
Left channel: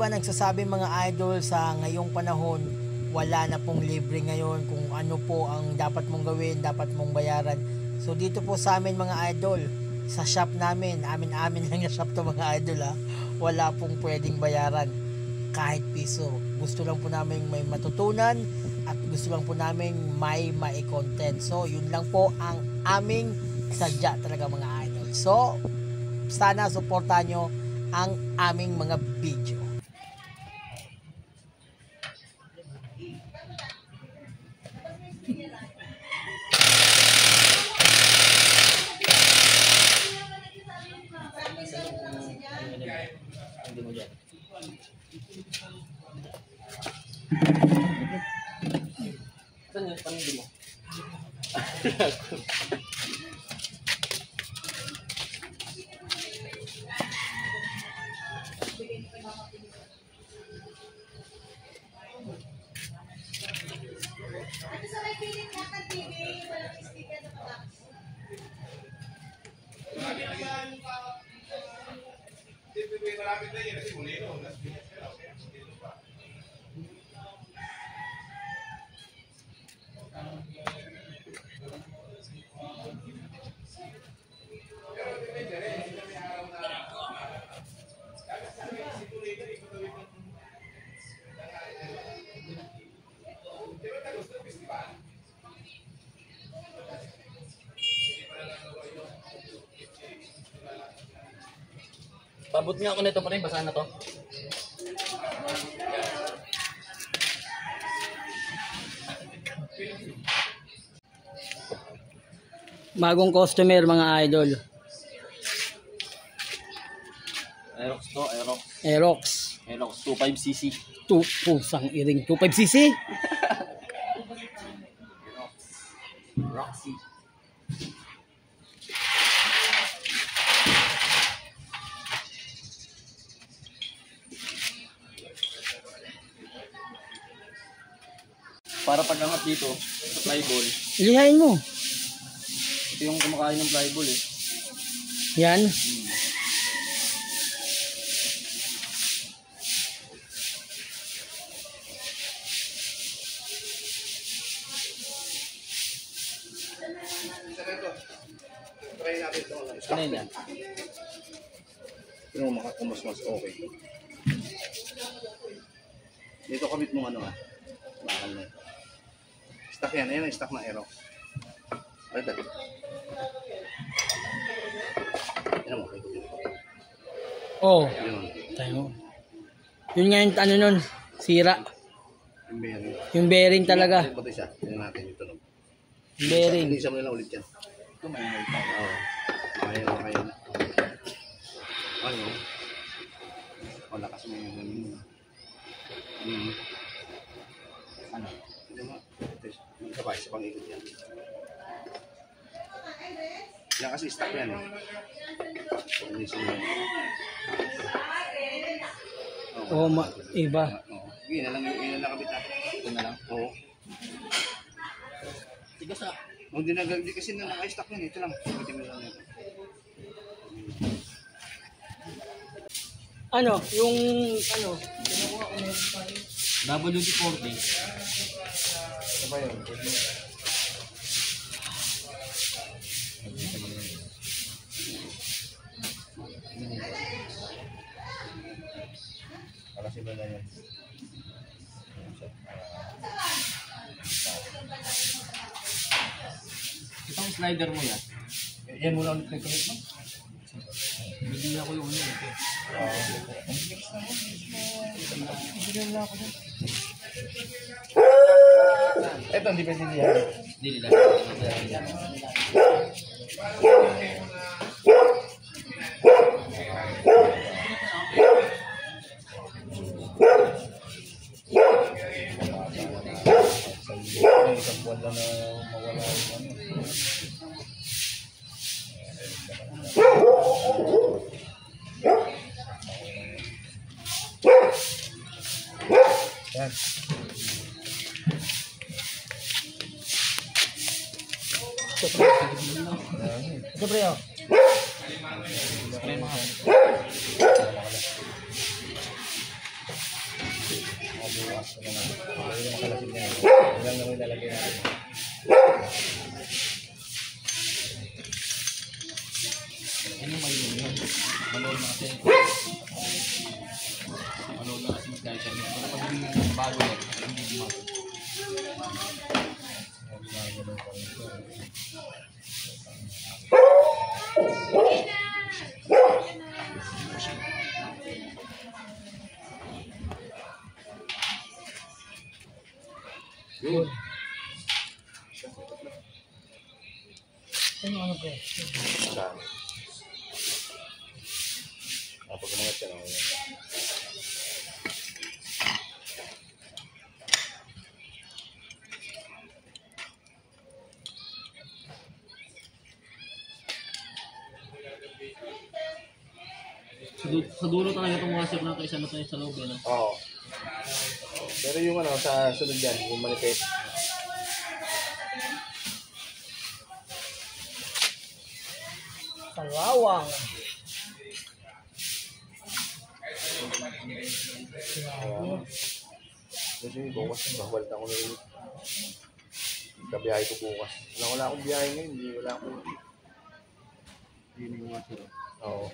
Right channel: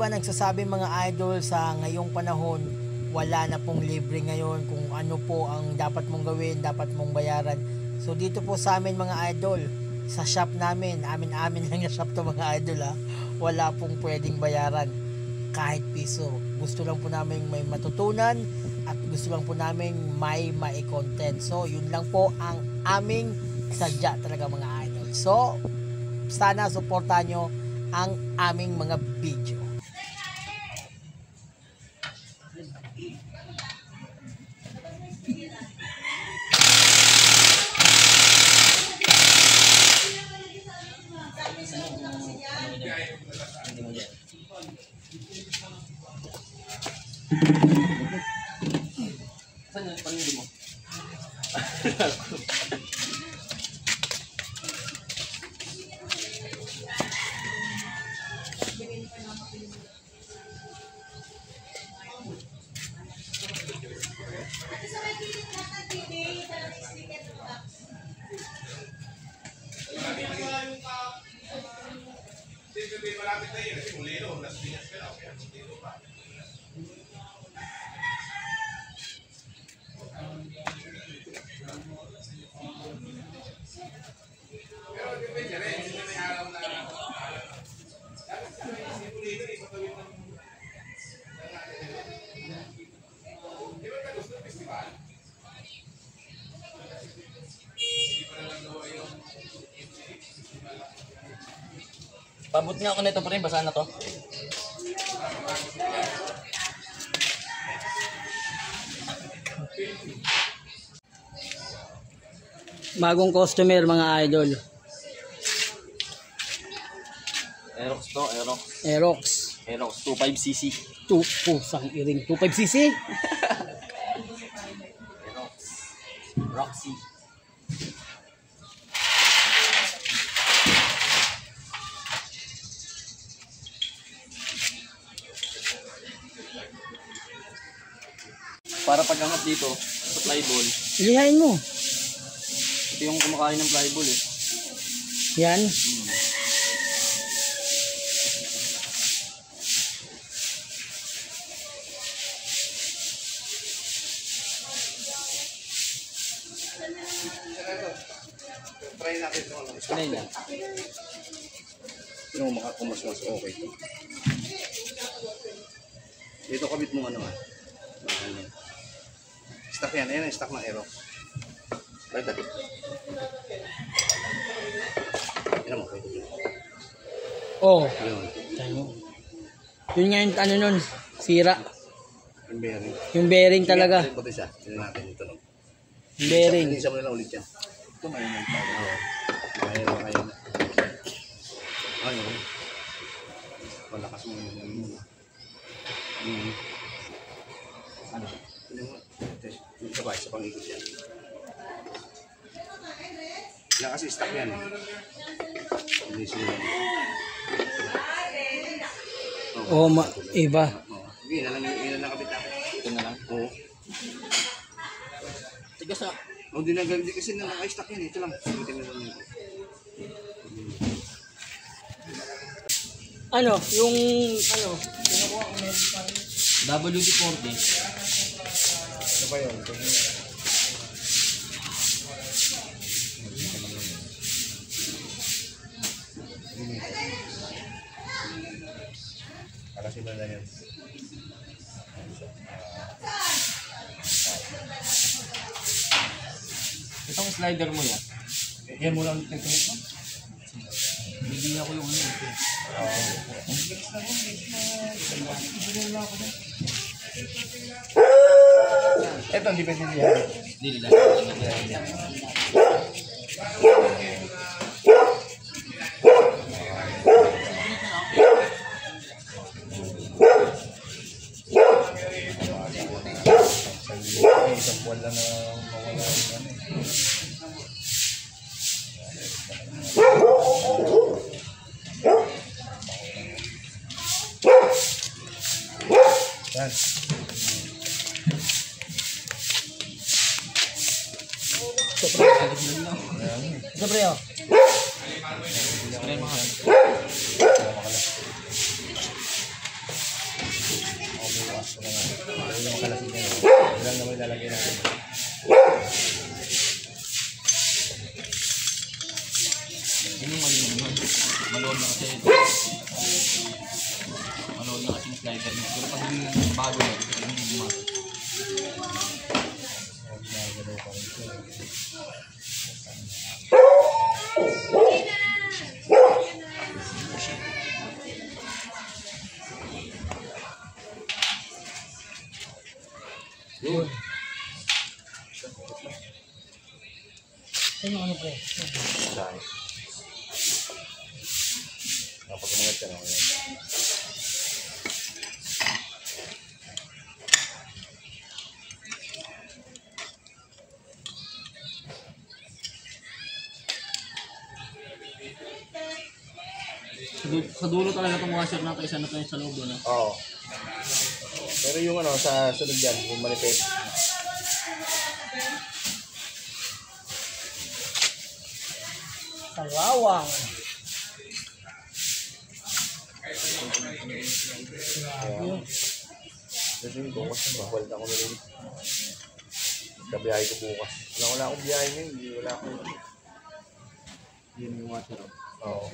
iba nagsasabi mga idol sa ngayong panahon, wala na pong libre ngayon kung ano po ang dapat mong gawin, dapat mong bayaran. So dito po sa amin mga idol, sa shop namin, amin lang na shop to mga idol ha, wala pong pwedeng bayaran kahit piso. Gusto lang po namin may matutunan at gusto lang po namin may mai-content. So yun lang po ang aming sadya talaga mga idol. So sana suportahan nyo ang aming mga video. Saan yung panindi mo? Pabot nga ako nito pa rin, basahan na to. Bagong customer mga idol. Aerox to, Aerox. Aerox. Aerox 25cc. Pusang iring 25cc. Aerox. Roxy. Para pag-angat dito sa flyball, Ilihain mo. ito yung kumakain ng flyball eh. Yan. Try natin ito. Ano yun yan? Yung makakumas-mas okay. Dito kabit mo ano ah. Bakal niya. Stock yan. Ayan ang stock ng Aerox. Right that. Yan mo. Oh. Yun. Tayo. Yun nga yung ano nun. Sira. Yung bearing. Yung bearing talaga. Sige, puti siya. Tignan natin yung tunog. Bearing. Isa mo lang ulit yan. Ito may may pa. Oo. Kaya na. Ano? Malakas mo yung ano? Isa pa, isa pang ikot yan. Yan kasi stock yan eh. Hindi sila. Oh, iba. Oo. Sige, yun lang kabit natin. Ito na lang. Oo. Tigas ah. Hindi na gagawin kasi na naka-stock yan. Ito lang. Ito na lang yun. Ano? Yung ano? WD-40. Ano ba yun? Kasi ba na yan? Itong slider mo yan. Yan muna ulit nagkamit mo? Hindi ako yung ano ito. Ito, hindi pwede diyan. Hindi nila. Isang buwan lang na mawala yung ano. Yan. Ito pre oh. bukas ko naman. Lagay naman kalasin na yun. Yun lang naman ilalagay natin. Yun yung mali yun. Malood na kasi. Malood na kasi yung slicer niya. Pero pag hindi bago yan, hindi bumasok. Ginagalaw pa rin siya. Yun. Ano pre? Saan? Kapag umangat ka na. Sa dulo talaga itong washer na kaysa na tayo sa loob. Ano? Oo. Pero yung ano, sa sunod yan, yung manipis. Kalawang. Ayan. Kasi yung bukas, bawal na ako nilin. Kabiyahe ko bukas. Wala akong biyahe ngayon, hindi wala akong. Yun yung washer. Oo.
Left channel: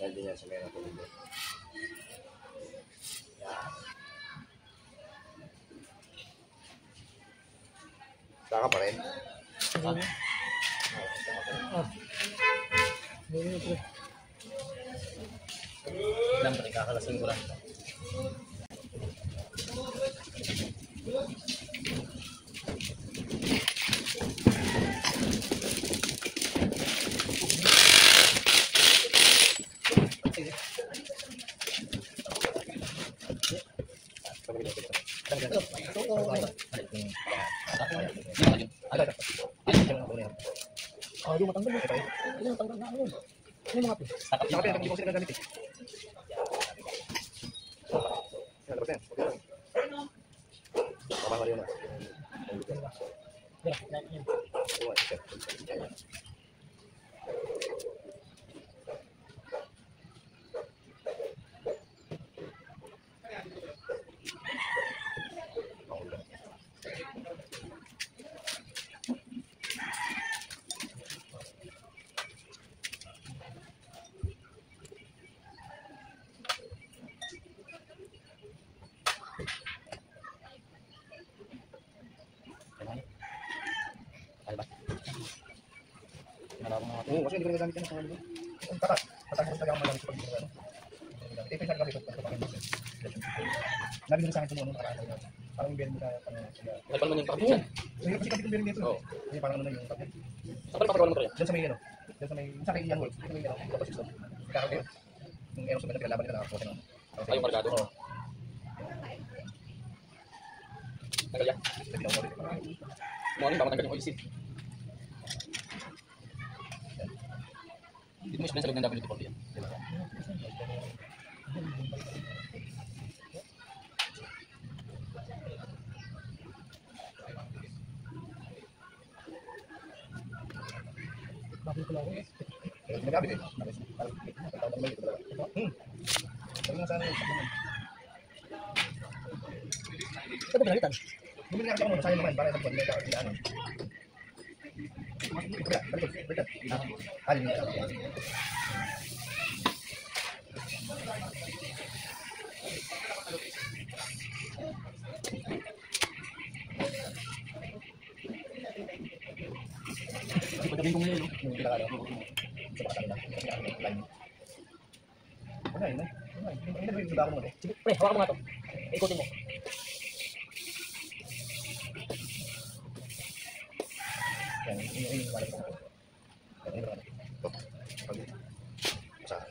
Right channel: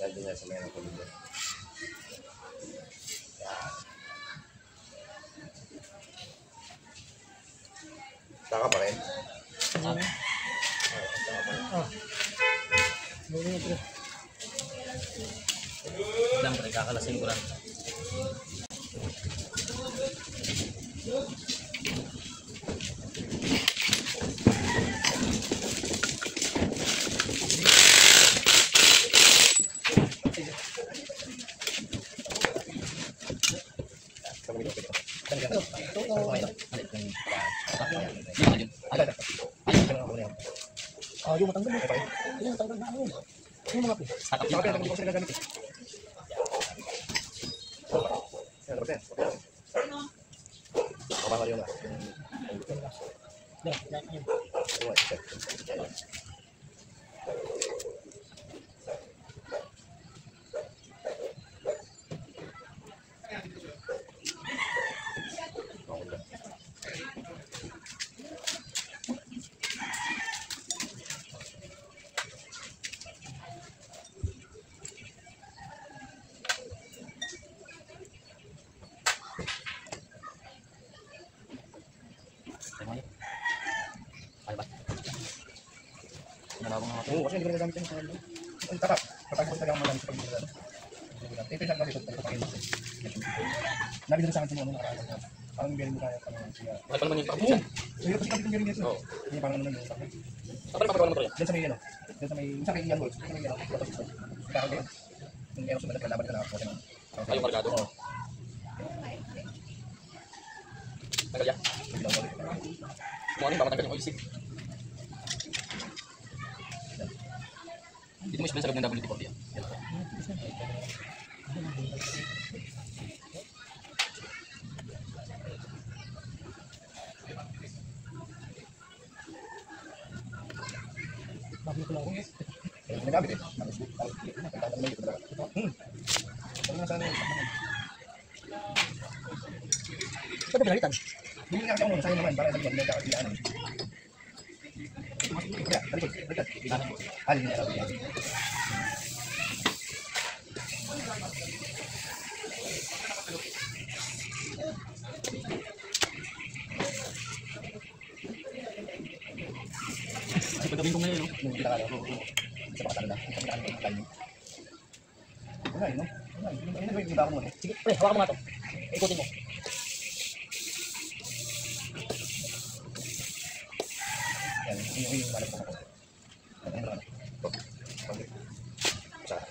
Dahil din yan sa mayroong kulog. Saka pa rin? Lang pre, kakalasing ko lang. Oh, yung matanggal mo. Yung matanggal na ano. Yung mga pis. Saka pa rin, hindi ko sila gamit eh. Kapag yun na. Oo, kasi hindi ko nagamit yan sa ano. Ang tara, patagos talaga ang magamit sa pag-ibig. Ito siya kasi ito, pagpapakin mo. Nabi nila sa akin kung ano nakakala. Parang berin mo kaya pa naman siya. Bakit pa naman yung pakapit yan? Mahirap kasi kapit yung berin dito. Oo. Yung parang ano lang yung pakit. Saan pa rin papagawa ng motor yan? Diyan sa may ano, diyan sa may, sa may Ian Wolf, sa may ano, dapat system. Kakaroon yun. Yung aeros na nagkalaban nila nakakuha ng. Ay, yung markado? Oo. Tanggal yan? Nagkalaw ko rin. Kung ano yung pamatanggal yung oil seat. Dito mo isipin sa loob ng WD-40 yan. Yan lang. Bago ko lang ako. Kaya ginagamit eh. Parang may ito talaga. Sabi nga sana yung Ito pinalitan. hindi nga kasi ako sayang naman para sa mga mega or ano. Kaya, balik. Alin na lang. Kasi pagdating ko ngayon, no? Yung kita ka lang. Sa pakatalo lang. Sa pakatalo lang. Timing. Wala yun, no? Wala yun. Yung iba ako mo, no? Sige, pre, hawakan mo nga to. Ikutin mo. Yan, yung malapit ako. Yan, ano. Saka.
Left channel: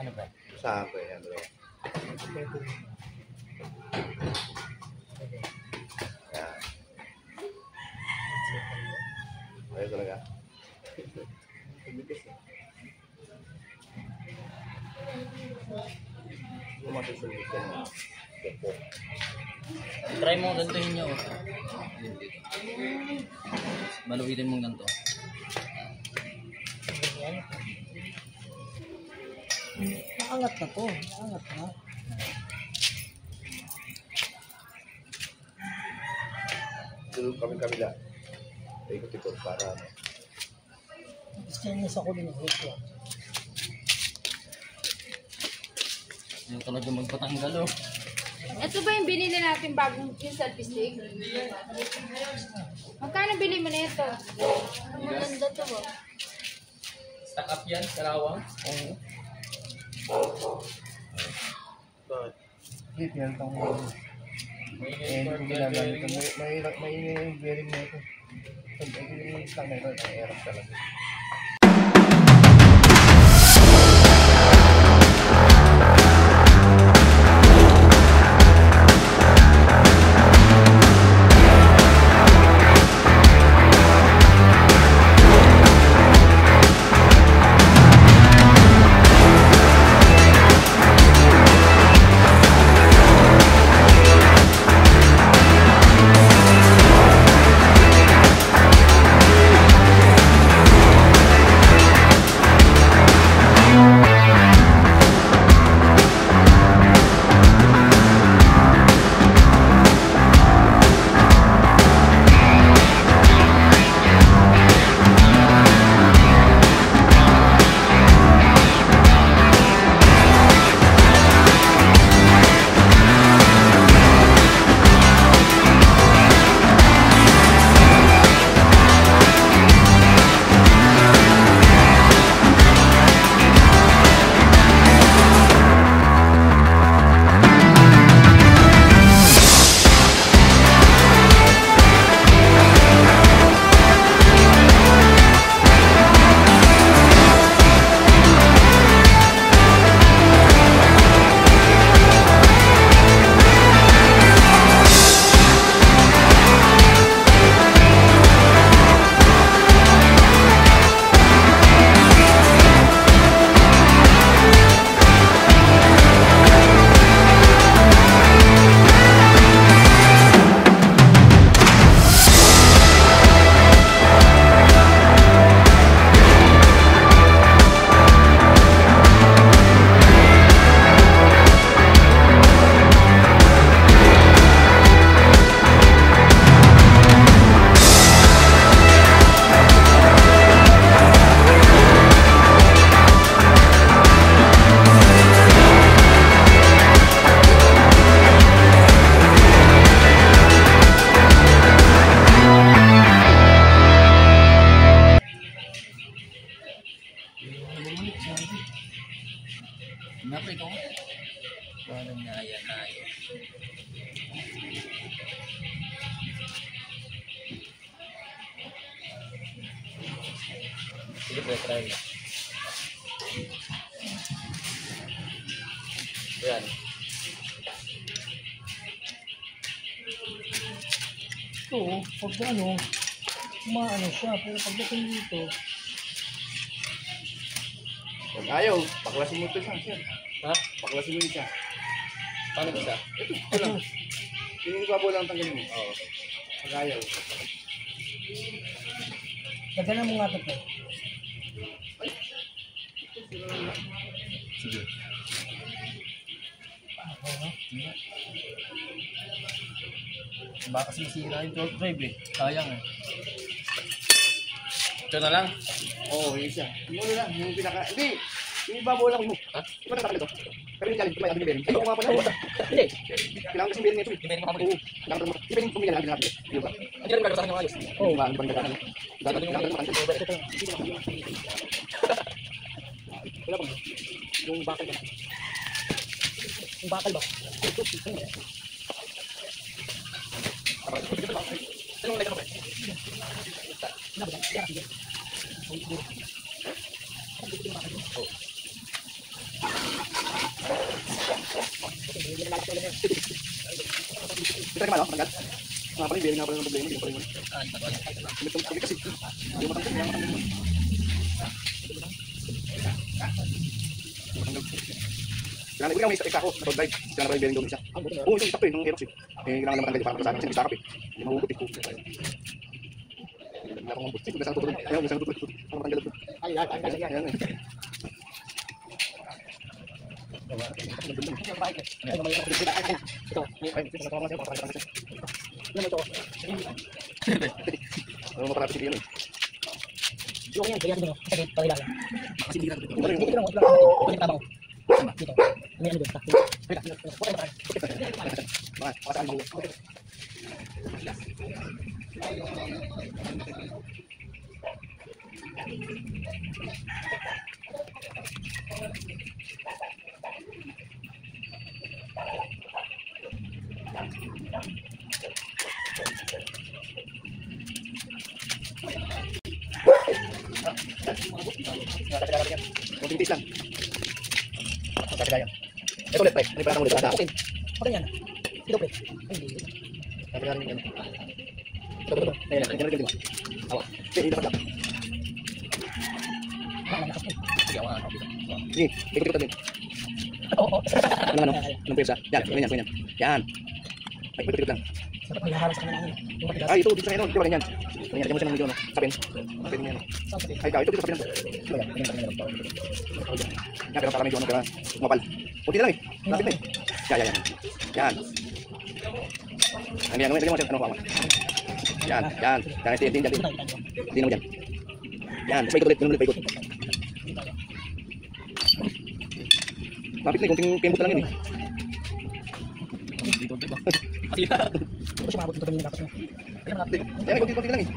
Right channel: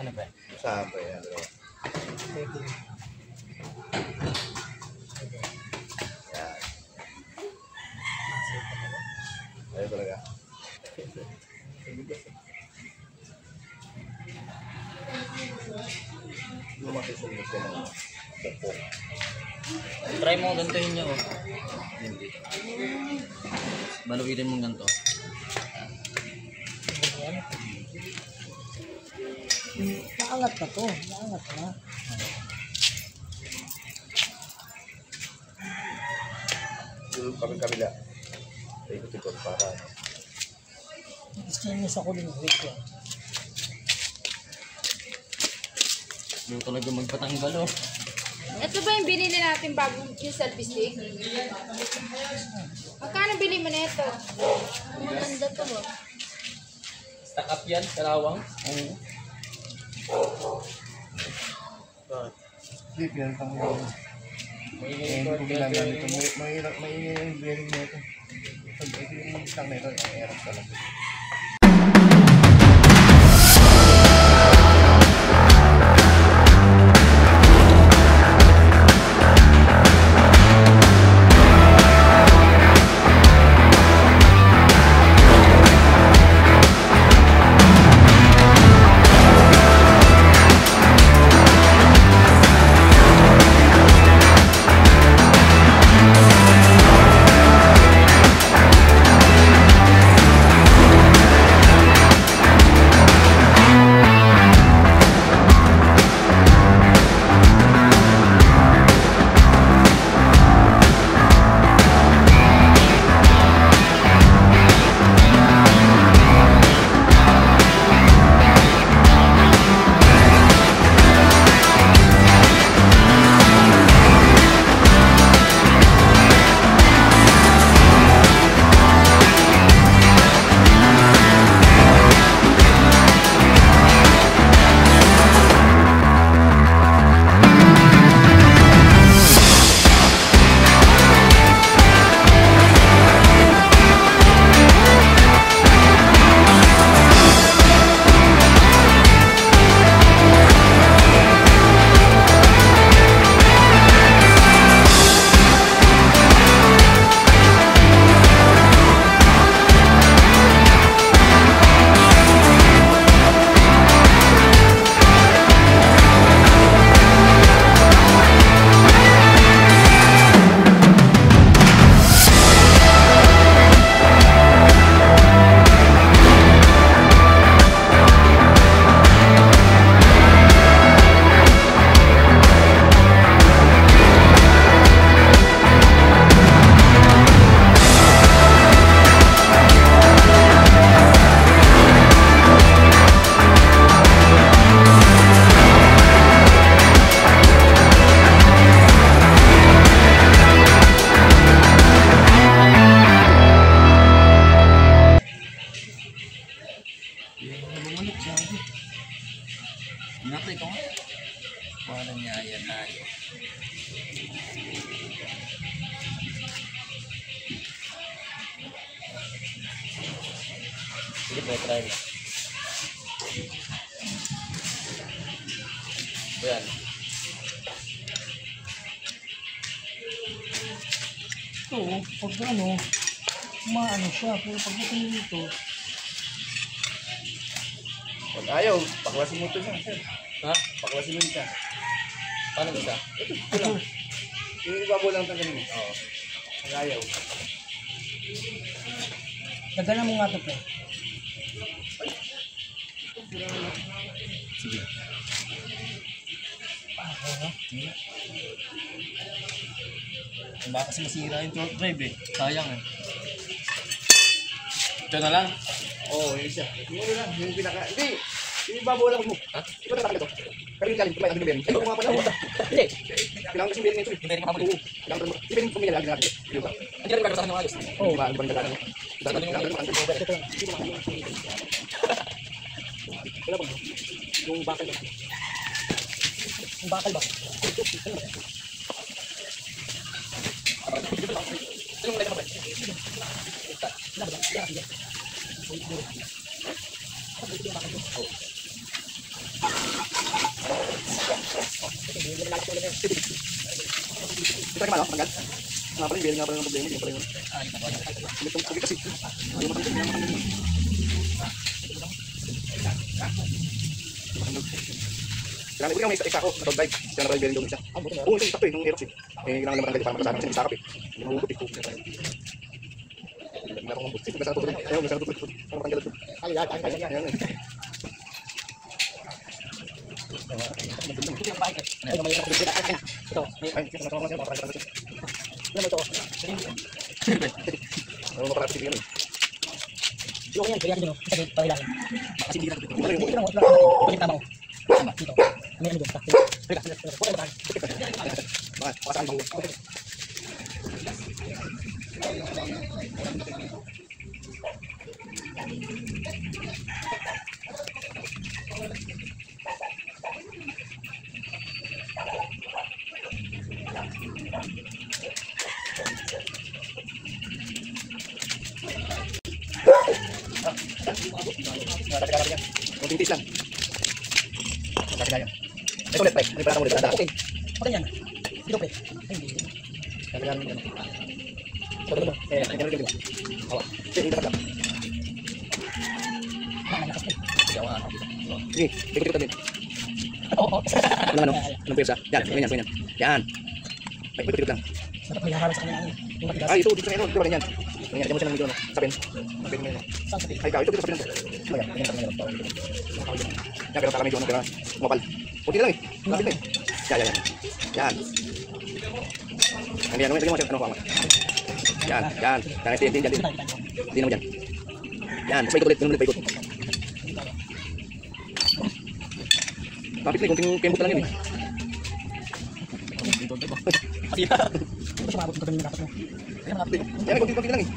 Ano ba? Saan ba yan? Yan. Ayun talaga. masusunod ka na. Try mo gantuhin niya oh. Baluitin mo ganito. Naangat na to. Naangat na. Yung kami-kamila. Ikot-ikot para ano. Stainless ako din. Wait lang. Hindi talaga magpatanggal oh. Ito ba yung binili natin bagong yung selfie stick? Magkano bili mo na ito? Ang maganda to ba? Stack up yan, karawang. Oo. Hindi, pinalitan ko yung... Eh, hindi ko ginagamit ito. May yung bearing na ito. Ito yung stock na ito, ang erap talaga. Napre ko. Wala niya yan ayo. Sige po, try mo. Yan. Ito, pag ano, maano siya. Pero pagdating dito, Pag ayaw, baklasin mo ito siya, sir. Ha? Baklasin mo siya. Paano ba siya? Ito lang. Yung ibabaw lang tanggalin mo. Oo. Pag ayaw. dagalan mo nga ito, pre. Sige. Baka kasi masira yung torque drive eh. Sayang eh. Ito na lang. Oo, yun siya. Yung lang, yung pinaka... Hindi! Yung ibabaw lang mo. Ha? Iba na takal ito. Pero yung kalim, kumain ang bearing. Ay, kumapa na. Hindi. Kailangan yung bearing na ito. Yung bearing mapapagod. Oo. Kailangan yung bearing pumila lagi natin. Diba? Hindi rin gagawin sa akin ng ayos. Oo, ba? Ano ba nagkakaroon? Dapat yung wala bang yung bakal ba? Yung bakal ba? Ito naman, magat. Nga pala yung bearing nga pala yung problema. Yung pala yung... Ah, yung patuloy. Ito kasi. Yung matanggal, yung matanggal. Ito Kailangan ikaw may isa ako sa pag-drive. Kaya na bearing doon isa. Oo, ito sakto eh, nung Aerox eh. Kailangan naman matanggal para makasama kasi nagsakap eh. Hindi mo hugot eh. Meron kong hugot. Masarap ito. Ayun, masarap ito. Ano matanggal ito? Ayan. Ano mo para pitik yun eh. Yung yan, kaya dito, kasi pailangan. Kasi hindi na ito. Dito lang, ito tama ko. Dito. May ano dito. Makasaan ba ko? Tintis lang. Kagaya. Ito ulit, pre. Hindi pa lang ulit. Okay. Okay yan. Dito, pre. Ay, hindi. Kagaya ng ito. Ito. Ito. Hawa. Hindi ka lang. Sige, ikot-ikot din. Ano? Anong pwersa? Yan. Yan. Ay, ikot-ikot lang. Dapat may harap sa kanya. Yung matigas. Ay, ito. Dito sa ito. Dito ganyan. Ganyan. Lagyan mo siya ng medyo, no? Sapin. Sapin mo yan. Saan sa Ay, ikaw. Ito dito sapin lang. Ano yan? Ganyan talaga meron. Yan, pero para medyo ano, pero kumapal. Puti lang eh. Lapit na eh. Yan. Yan. Ang yan, lagyan mo siya. Ano ko? Yan. Yan. Hindi naman dyan. Yan. Tapos paikot ulit. Paikot. Lapit na eh. Kunting kembot lang yan eh. Ito sumabot dito yung dapat mo. Yan, konti lang eh.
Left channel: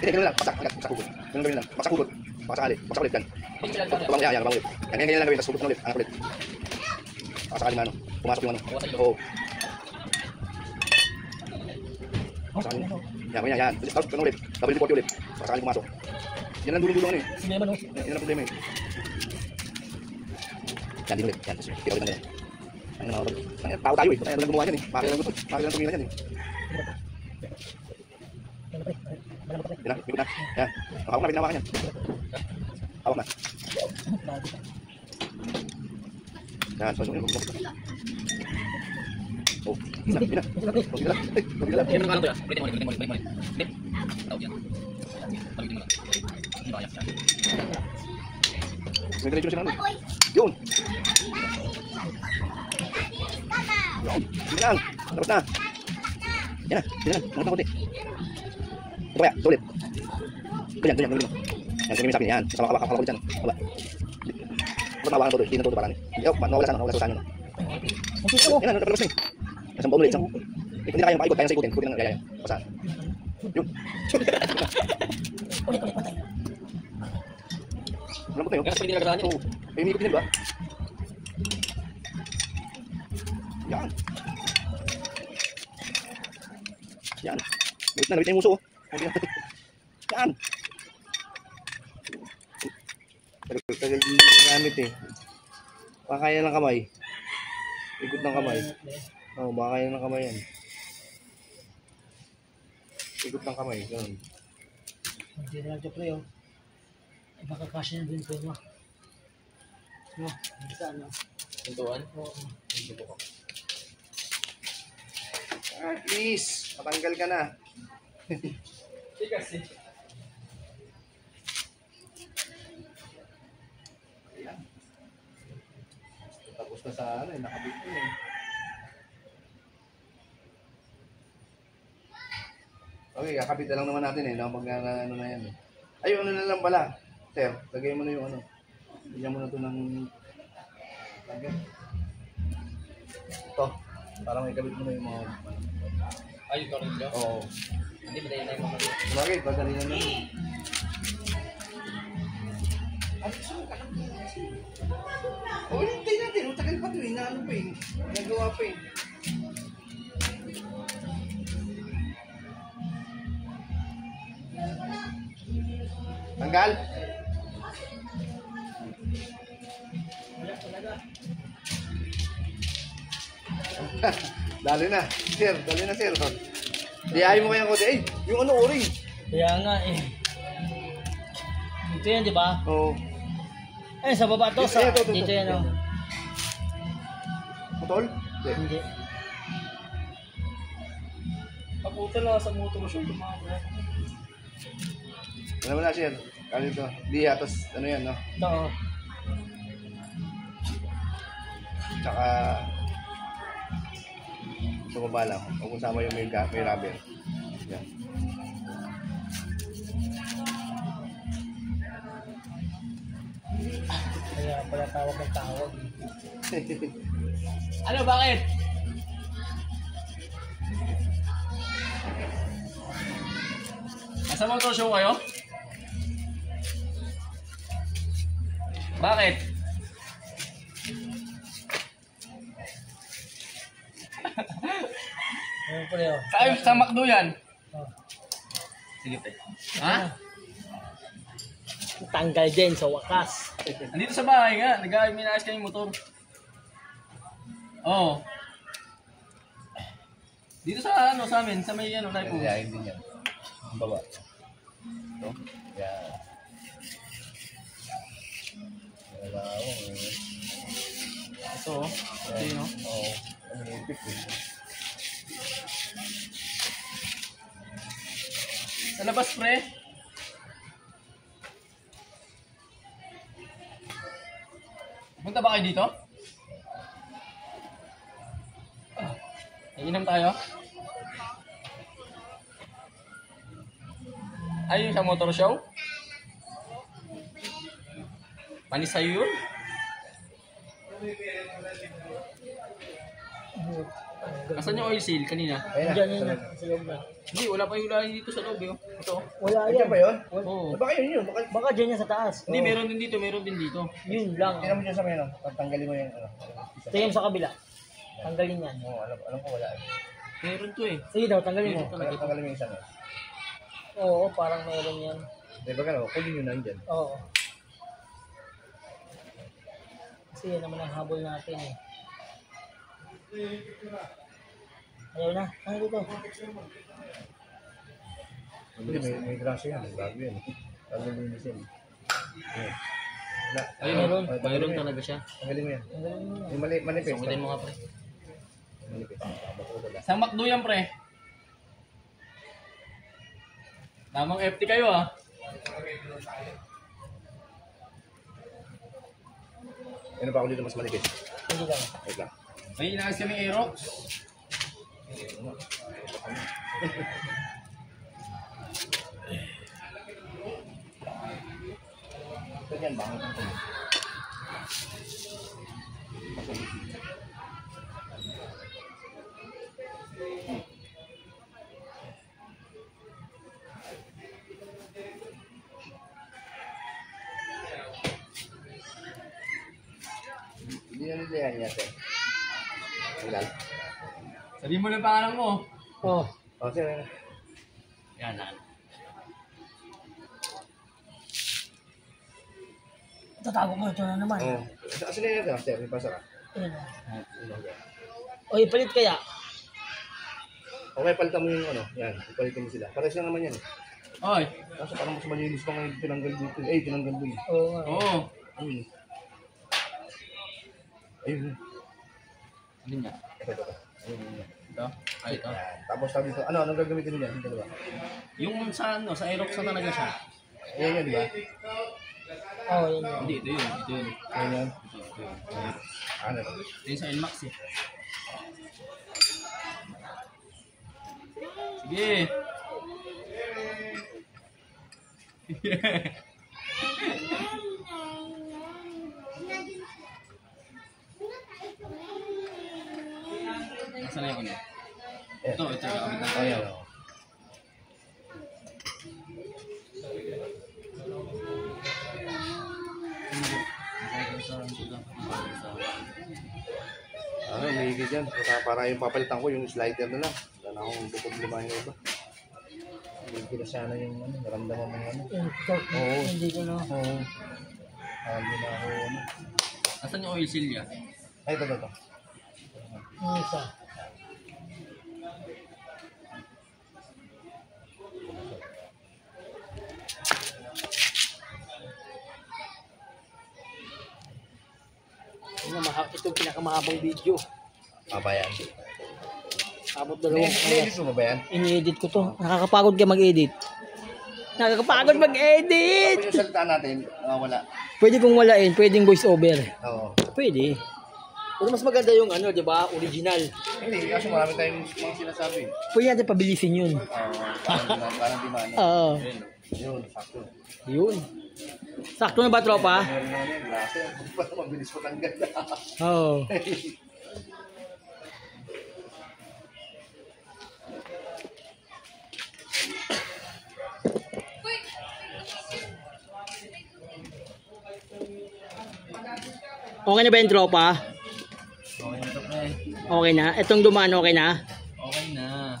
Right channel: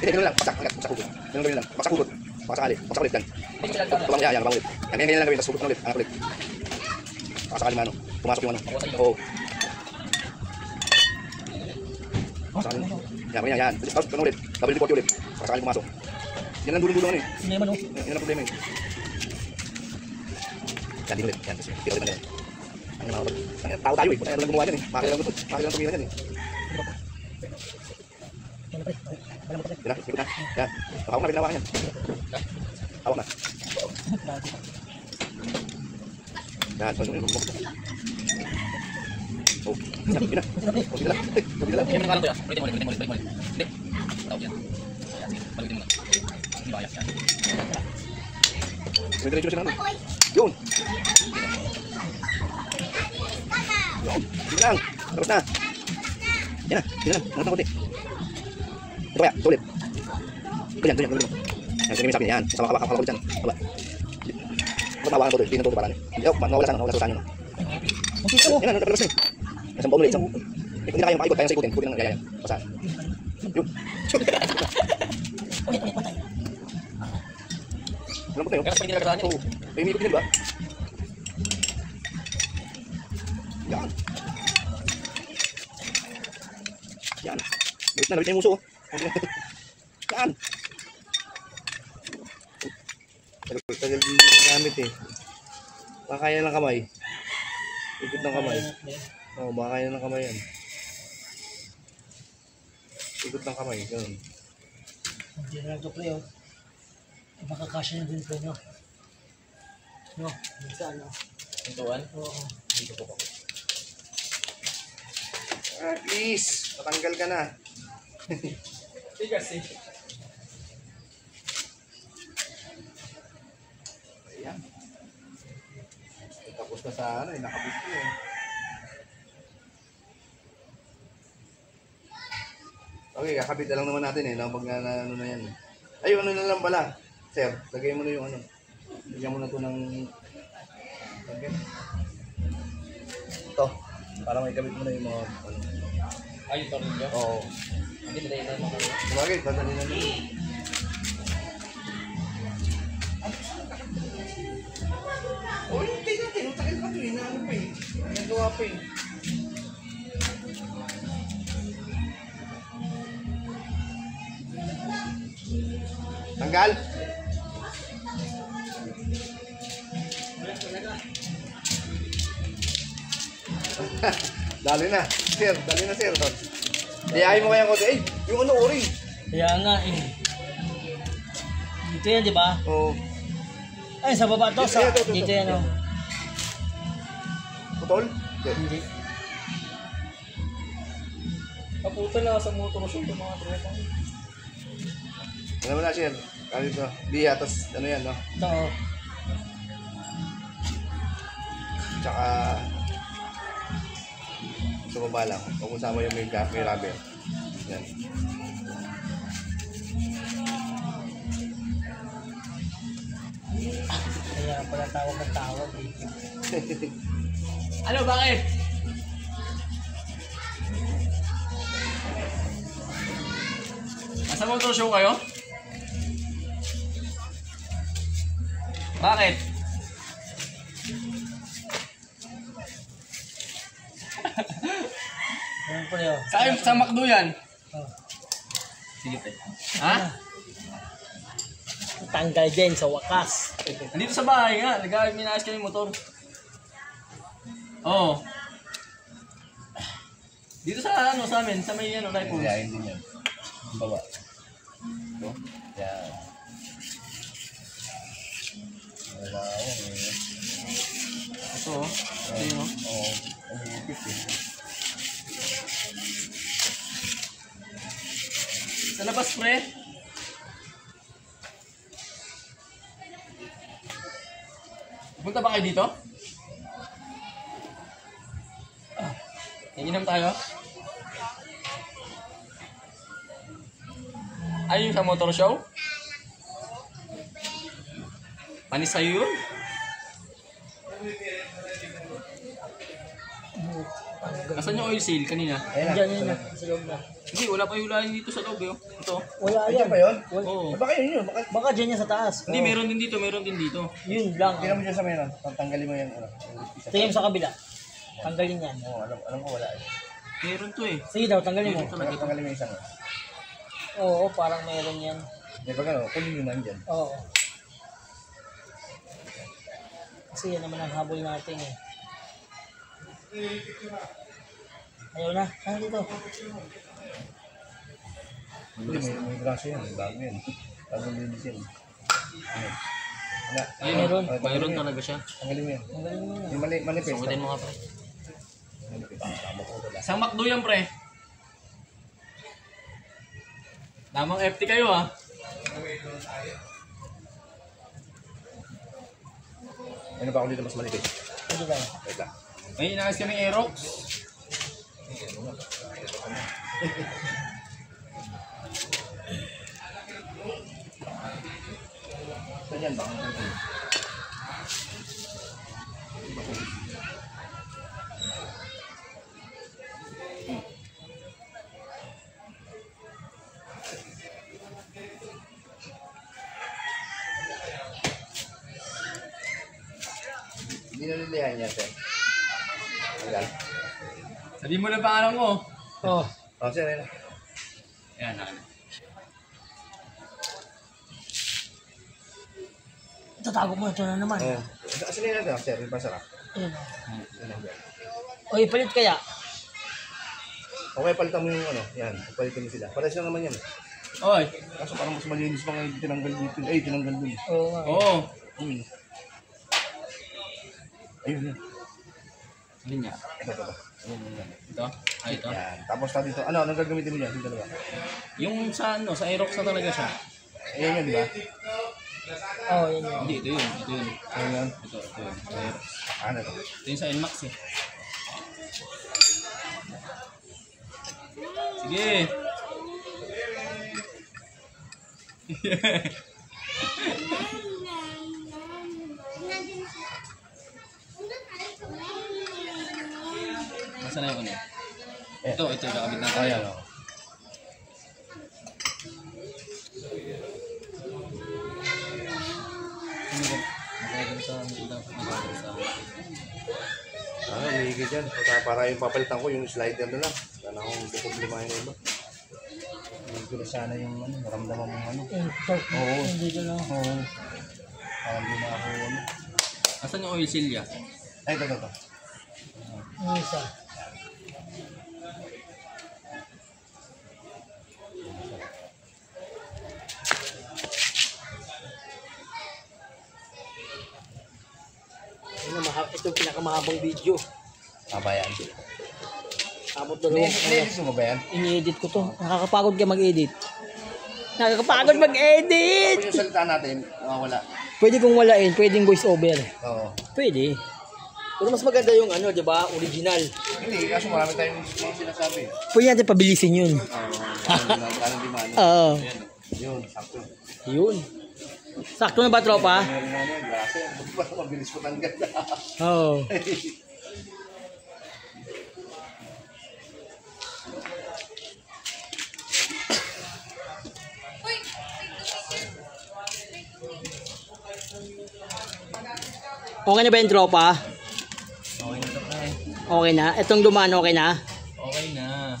Hindi, ganun lang. Paksak hugot. Ganun lang. Paksak hugot. Paksak ulit yan. Tabang ulit. Ganyan lang gawin. Tapos hugot na ulit. Anak ulit. Paksak alim ano. Pumasok yung ano. Oo. Paksak alim. Yan. Tapos ganun ulit. Double report ulit. Paksak alim pumasok. Yan lang dulong-dulong ano eh. Sinema no? Yan ang problema eh. Yan din ulit. Yan. Tapos tira ulit na yan. Tao tayo eh. Kaya lang gumawa yan eh. Makakailan gusto. Makakailan tumingin yan eh. Yan, ikot na. Yan. Hawak na, binawakan yan. Hawak na. Yan, so yun. Oh, yan. Kunti na lang. Hindi mo nakalang ko yan. Ulitin mo. Hindi. Tawag yan. Palutin mo na. Hindi ba kaya? May diretso na siya naman. Yun. Sige lang. Tapos na. Yan na. Sige lang. Mangat na kunti. Ito kaya. Ito ulit. Ganyan. Yan. Ganyan yung sabi niya. Yan. Sama ka ulit yan. Baba. Bakit mawakan ko ito? Hindi na ito parang. Nawala sa saan yun. Yan na. Nakalabas na eh. Isang baon ulit. Hindi na kaya makikot. Kaya sa ikutin. Ikutin lang yaya. Pasaan. Yun. Lambot na yun. Kaya sa pwede nilagarahan niya. Oo. May umikot din ba? Yan. Yan. Galit na yung muso. Yan. Tagal din yung gamit eh. Baka kaya ng kamay. Ikot ng kamay. Oo, baka kaya ng kamay yan. Ikot ng kamay. Ganun. Hindi na lang ito pre oh. Ay baka kasya na din pre no. No, minsan no. Pintuan? Oo. Dito po ako. At least, matanggal ka na. Tigas eh. Ayan. Tapos na sa ano eh, nakabit ko eh. Okay, kakabit na lang naman natin eh, pag ano na yan. Ay, ano na lang pala. Sir, lagay mo na yung ano. Bigyan mo na ito ng... Tanggal. Ito, para may kabit mo na yung mga ano. Ay, ito rin dyan. Oo. Hindi ba tayo na mga... Bagay, padali na naman. Oh, hindi natin. Matagal pa ito eh. Naano pa eh. Nagawa pa eh. Tanggal. Dali na. Sir, dali na sir. Diyahin mo kaya ko. Eh, yung ano oring. Kaya nga eh. Dito yan di ba? Oo. Ay sa baba to sa Dito, dito yan oh. Paul? Hindi. Kaputa na sa motor show ng mga tropa. Ano mo na, sir? Tawag ito. Biya, tapos ano yan, no? Ito, oh. Tsaka sa baba lang. Huwag kasama yung may rubber. Yan. Kaya pala tawag ng tawag eh. Ano, bakit? Nasa motor show kayo? Bakit? Ano po yun? Sa McDo yan? Oh. Sige, pre. Ha? Tanggal din sa wakas. Nandito sa bahay nga, nag-minayos kami yung motor. Oo. Dito sa ano sa amin, sa may ano, live post. Yayain din yan. Ang baba. Ito? Yan. Wala ako eh. Ito, ito yun, no? Oo. Ang hipit eh. Sa labas, pre. Punta ba kayo dito? Iinom tayo? Ay, yung sa motor show? Panis sa'yo yun? Nasaan yung oil seal kanina? Ayun Diyan yun na, sa loob na. Hindi, wala pa hulahin dito sa loob eh. Ito. Wala Ayun yan. ba yun? Oo. Baka yun yun. Baka Baka dyan yan sa taas. Hindi, meron din dito, meron din dito. Yun lang. tingnan mo dyan sa may ano. Tanggalin mo yung ano. Ito yung sa kabila. Tanggalin yan. Oo, alam ko wala eh. Meron to eh. Sige daw, tanggalin mo. Meron talaga to. Tanggalin mo yung isang. Oo, parang meron yan. Di ba gano'n? Kunin nyo nandyan. Oo. Kasi yan naman ang habol natin eh. Ayaw na. Ano dito? Hindi, may braso yan. Bago yan. Bagong linis yan. Ayun. Wala. Ayun, Meron. mayroon talaga siya. Tanggalin mo yan. Tanggalin mo na. Yung manipis. Sungutin mo nga pre. Manipis. Tama ko wala. Sa McDo yan pre. Lamang FT kayo ah. Ano pa ako dito mas manipis? Hindi lang. Wait lang. May inayos kami Aerox. Ganyan ba? Hindi na nilihan niya, sir. Legal. Sabihin mo na pangalan mo. Oh. Oh, sir, ayun na. Yan na. Tatago mo ito na naman. Oh. Asin na yan, sir. Yung pasarap. Ayun o. Yun lang yan. O, ipalit kaya? Okay, palitan mo yung ano. Yan, palitan mo sila. Pares lang naman yan. Oy. Kaso parang mas malinis pa ngayon tinanggal dito. Ay, tinanggal dun. Oo nga. Oo. Ayun. Ayun yun. Hindi niya. Ito. Ayun yun. Ito. Ay, ito. Yan. Tapos na dito. Ano, anong gagamitin mo dyan? Yung dalawa. Yung sa ano, sa Aerox na talaga siya. Ayun yun, di ba? Oo, yun yun. Hindi, ito yun. Ito yun. Ayun yun. Ito yun. Sa Aerox. Ano to? Ito yun sa NMAX eh. Sige. Nasaan na yung ano? Ito yung kakabit natin. Ayun. May higit yan. Para yung papalitan ko, yung slider na lang. Wala na akong problema yung iba. Hindi na sana yung ano, naramdaman mo yung ano. Yung torque. Oo. Hindi ko na. Oo. Hindi na ako ano. Asan yung oil seal niya? Ay, ito. Yung isa. Ito yung pinakamahabang video. Pabayaan. Abot dalawang Ini mo ba yan? ini-edit ko to. Nakakapagod ka mag-edit. Nakakapagod mag-edit! Pag yung salita natin, wala. Pwede kong walain, pwedeng voice over. Oo. Pwede. Pero mas maganda yung ano, 'di ba? Original. Hindi, kaso marami tayong mga sinasabi. Pwede natin pabilisin 'yun. Oo. Parang di maano. Oo. Yun, sakto. Yun. Sakto na ba, tropa? Meron naman yan, grasa. Ba't mabilis patanggal? Oo. Okay na ba yung tropa? Okay na to, pre. Okay na? Itong dumaan okay na? Okay na.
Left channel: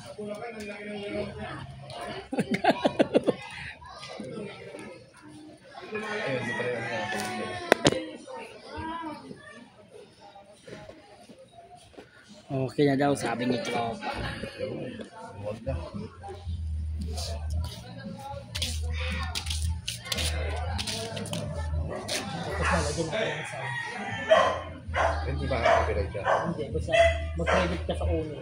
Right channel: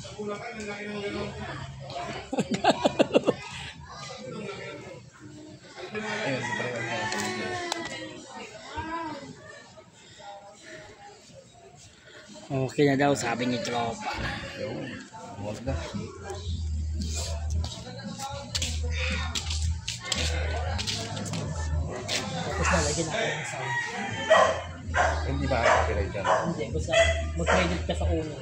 Ayun, di pa rin yan. Okay na daw, sabi ni tropa. Huwag na. Tapos nalagyan natin ng sound. Hindi ba copyright yan? Hindi, basta mag-credit ka sa uno.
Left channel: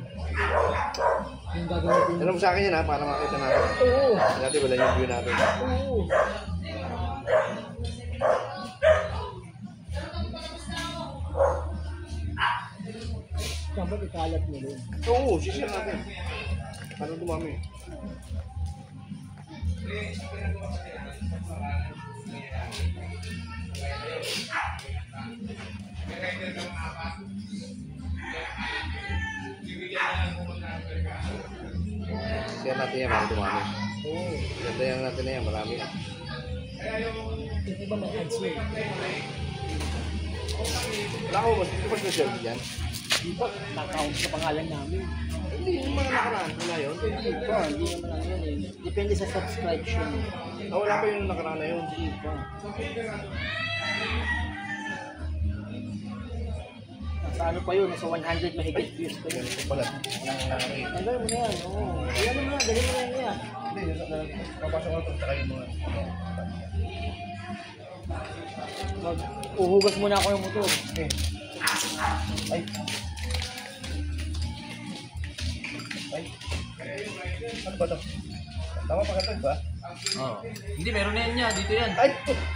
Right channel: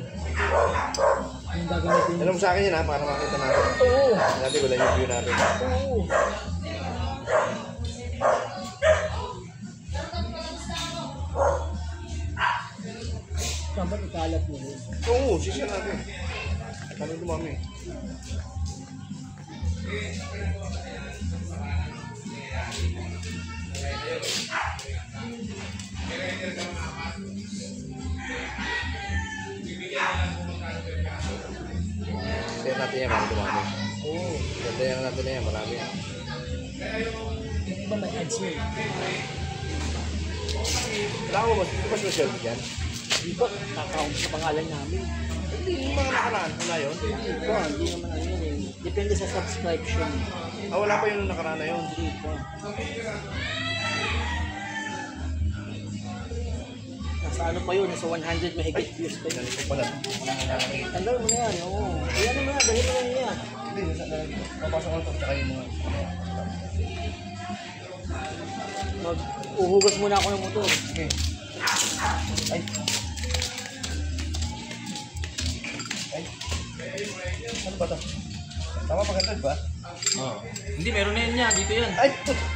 Yung gagamitin Alam mo sa akin yan ha, para makita natin. Oo. Dati wala yung view natin. Oo. Dapat ikalat mo rin. Oo, share natin. Paano dumami? Share natin yan, paano dumami? Oo. Ganda yan natin na yan, marami yan. Yung iba may ads yun. Wala ko, hindi ba special yan? Di ba, nakakount sa pangalan namin. Hindi, yung mga nakaraan, wala yun. Hindi ba, hindi naman ano yun eh. Depende sa subscription. Wala pa yung nakaraan na yun. Hindi ba. Nasa ano pa yun, nasa 100 mahigit views pa yun. Ganito pala. Walang nakakita. Tanggal mo na yan, oo. Ayan mo na, dali mo na yan. Hindi, papasok ko ito, tsaka yung mga... Uhugas muna ako ng motor. Okay. Ay. Ay. Ano ba ito? Tama pagkatad ba? Oo. Hindi, meron na yan niya. Dito yan. Ay!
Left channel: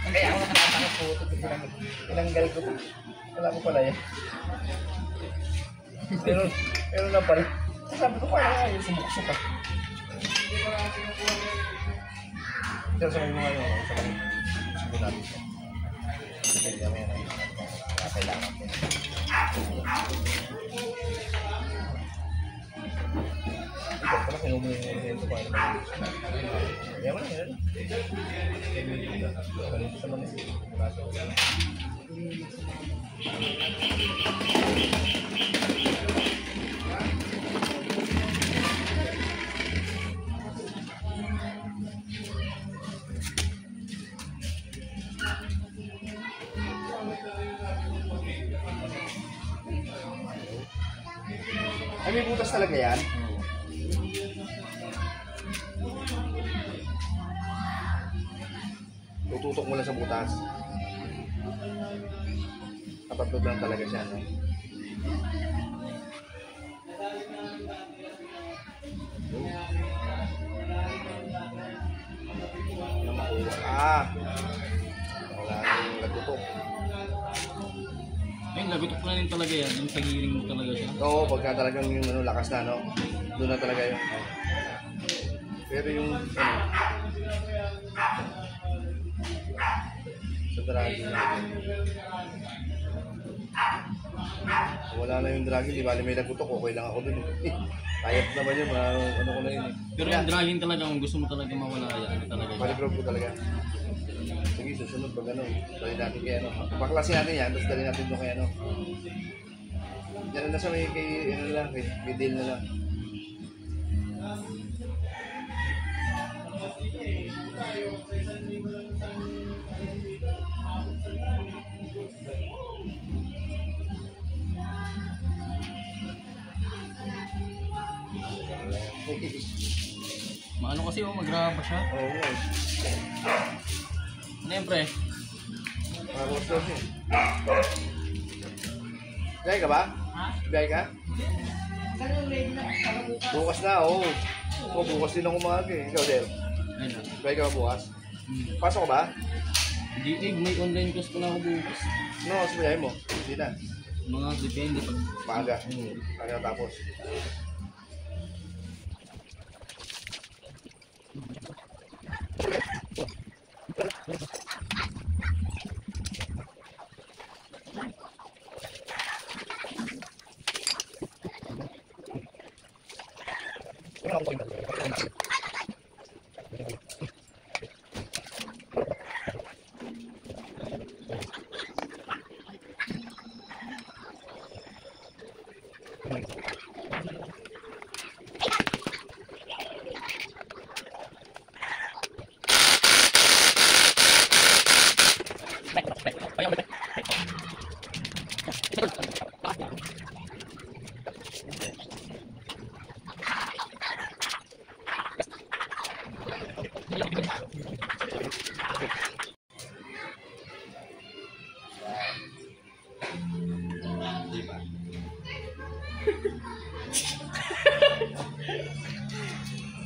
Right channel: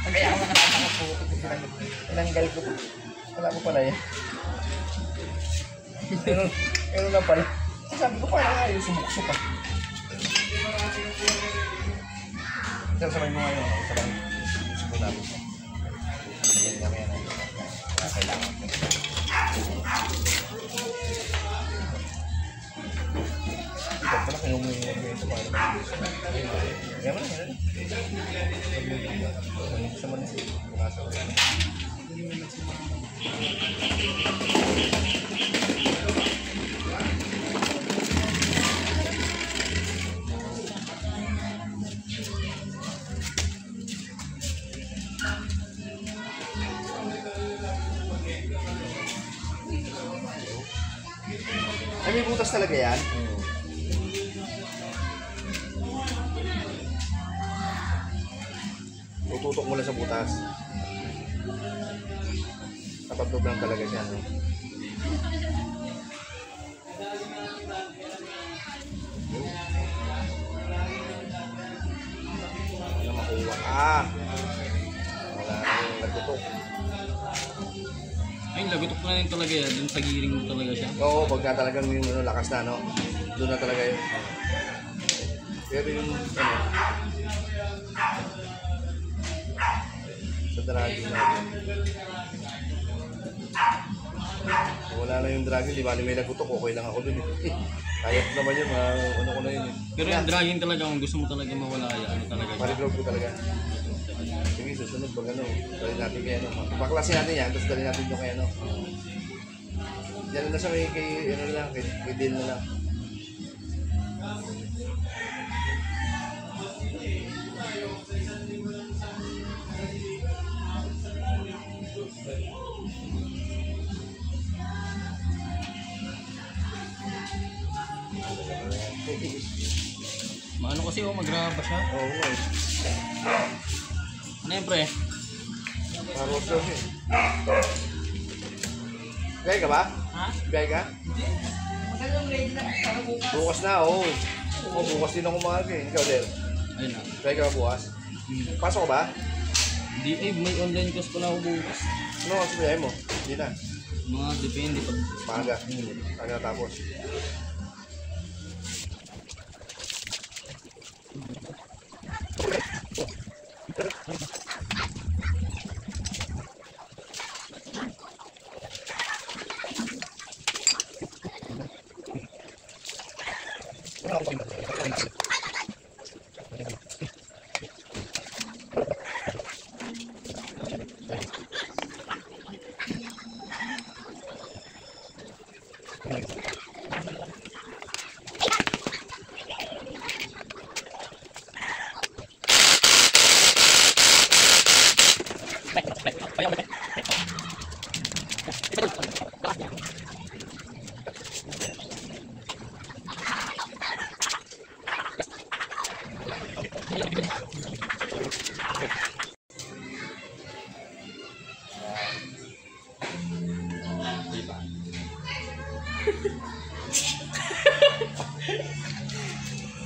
Kaya ako nakataka po. Tinanggal ko po. Wala ko pala yan. Meron na pala. Sabi ko parang ayaw sumukso pa. Ito sabay mo ngayon. Sabay. Siguro natin siya. Hindi kami yan. Kailangan ko. Ito pala kayo mo yung mga ito. Kaya mo na. Kaya mo na. Sa manis. Bukas ako. Ay, may butas talaga yan? Tututok mo lang sa butas. Katatlog lang talaga siya, no? Ano makuha? Wala na yung nagtutok. Ay, lagutok na rin talaga yan. Yung sa giring mo talaga siya. Oo, pagka talagang yung lakas na, no? Doon na talaga yun. Pero yung, sa draging natin. Wala na yung draging, di ba? May nagutok, okay lang ako dun eh. Kayap naman yun, ano ko na yun eh. Pero yung dragging talaga, kung gusto mo talaga mawala yan, ano talaga siya. Maligrove ko talaga. Sige, susunod pag ano, dali natin kay ano. Paklasin natin yan, tapos dali natin doon kay ano. Diyan na sa may kay, ano lang, kay deal na lang. Maano kasi magraba siya. Oo, wow. Ano yan, pre? Parang sauce eh. Kaya ka ba? Ha? Biyay ka? Bukas na, oo. Oh, bukas din ako umaga eh. Ikaw, Del. Ayun na. Biyay ka ba bukas? Pasok ka ba? Hindi may online course pala ako bukas. No, sa biyay mo. Hindi na. Mga depende pag... Maaga. Maaga tapos.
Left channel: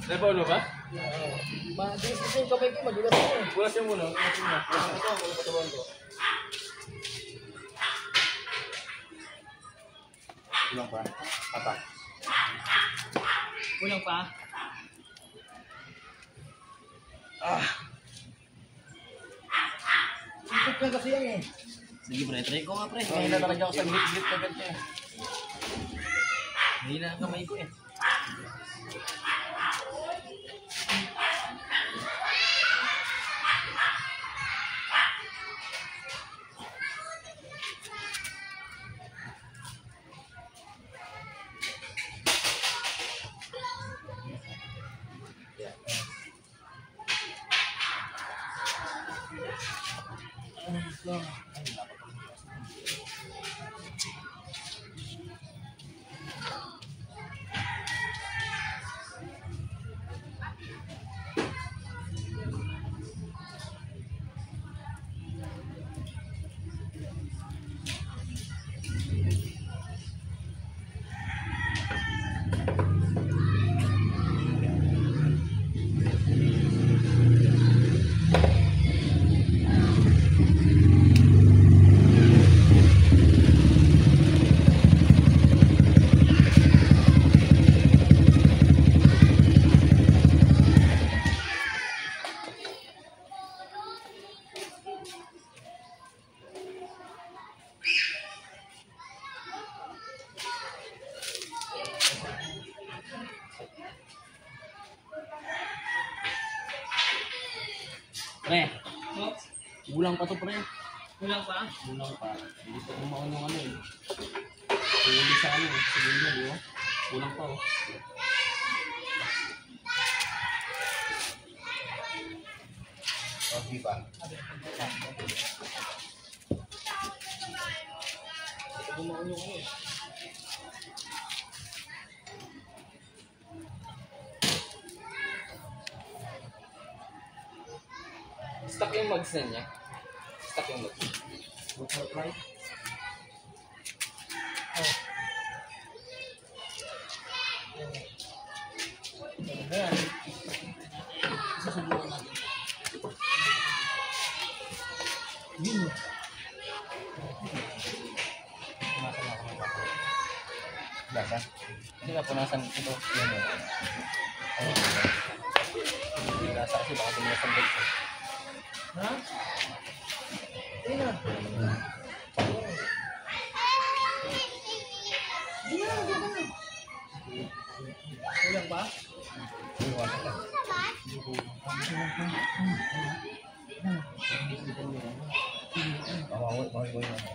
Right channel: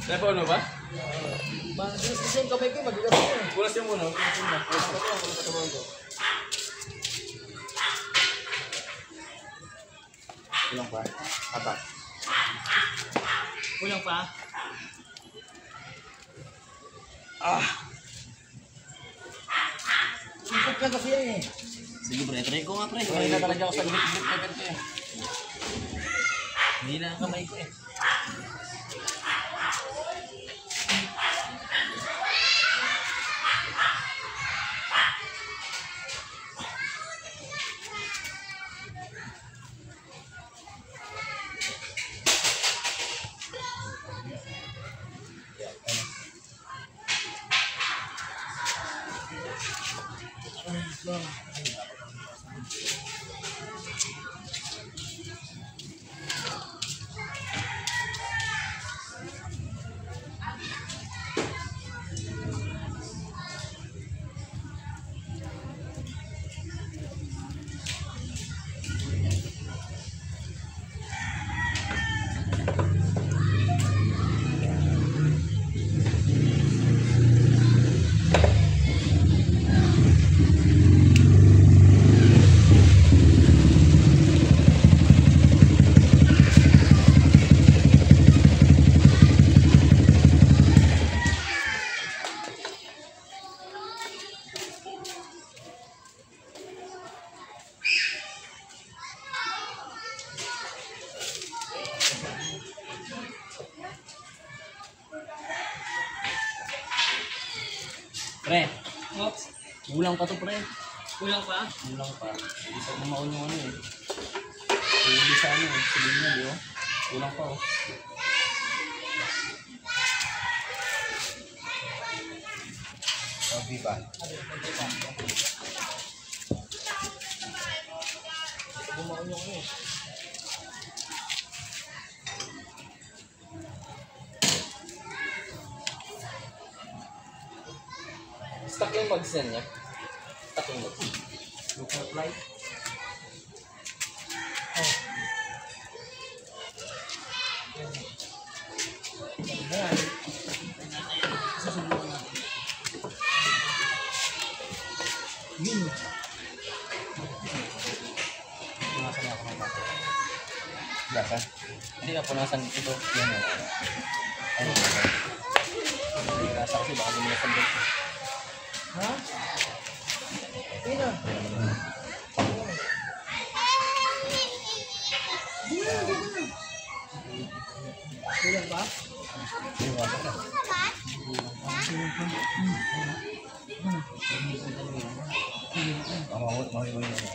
Napaano ba? Mabilis kasi yung kamay ko, madulas ko eh. Bulas yung muna. Wala patawan ko. Kulang pa. Atak. Kulang pa. Sipot ka kasi yan eh. Sige pre, try ko nga pre. May na talaga ako sa grip na ganito eh. Hindi na ang kamay ko eh. Pre, kulang pa to pre. Kulang pa? Kulang pa. Hindi pa kumaon yung ano eh. Huli sa ano eh. Sabihin niya, di ba? Kulang pa oh. Okay ba? Kumaon yung ano eh. Stuck yung mags na niya. Stuck yung mags. Look for fly. Yun. Punasan niya ako ng baka. Lasa? Hindi ka punasan ito. Yan o. Ayun. Hindi nasa kasi baka bumilasan dito. Ha? Ayun na. Kulang pa? Iwasan na. Mahiwa yun ako.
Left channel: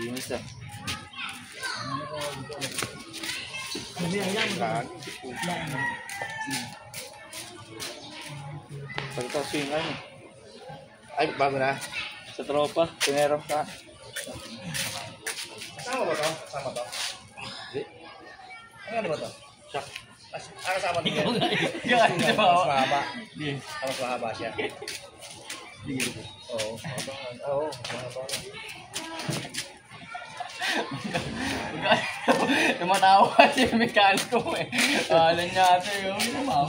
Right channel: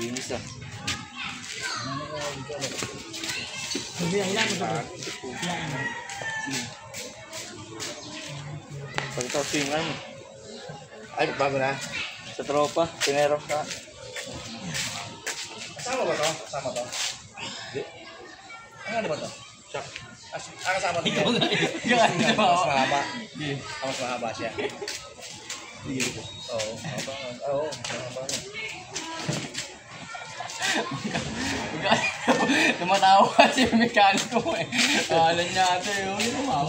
Linis ah. Hilang mo ba? Pagkataw singan. Ay, bago na. Sa tropa, tinero ka. Kasama ba to? Kasama to? Hindi. Ano ba to? Siya. Kasama to. Mas mahaba. Mas mahaba siya. Oo, haba nga. Oo, haba nga. Tumatawa si mekaniko eh. Alam niya ito yung lumawa.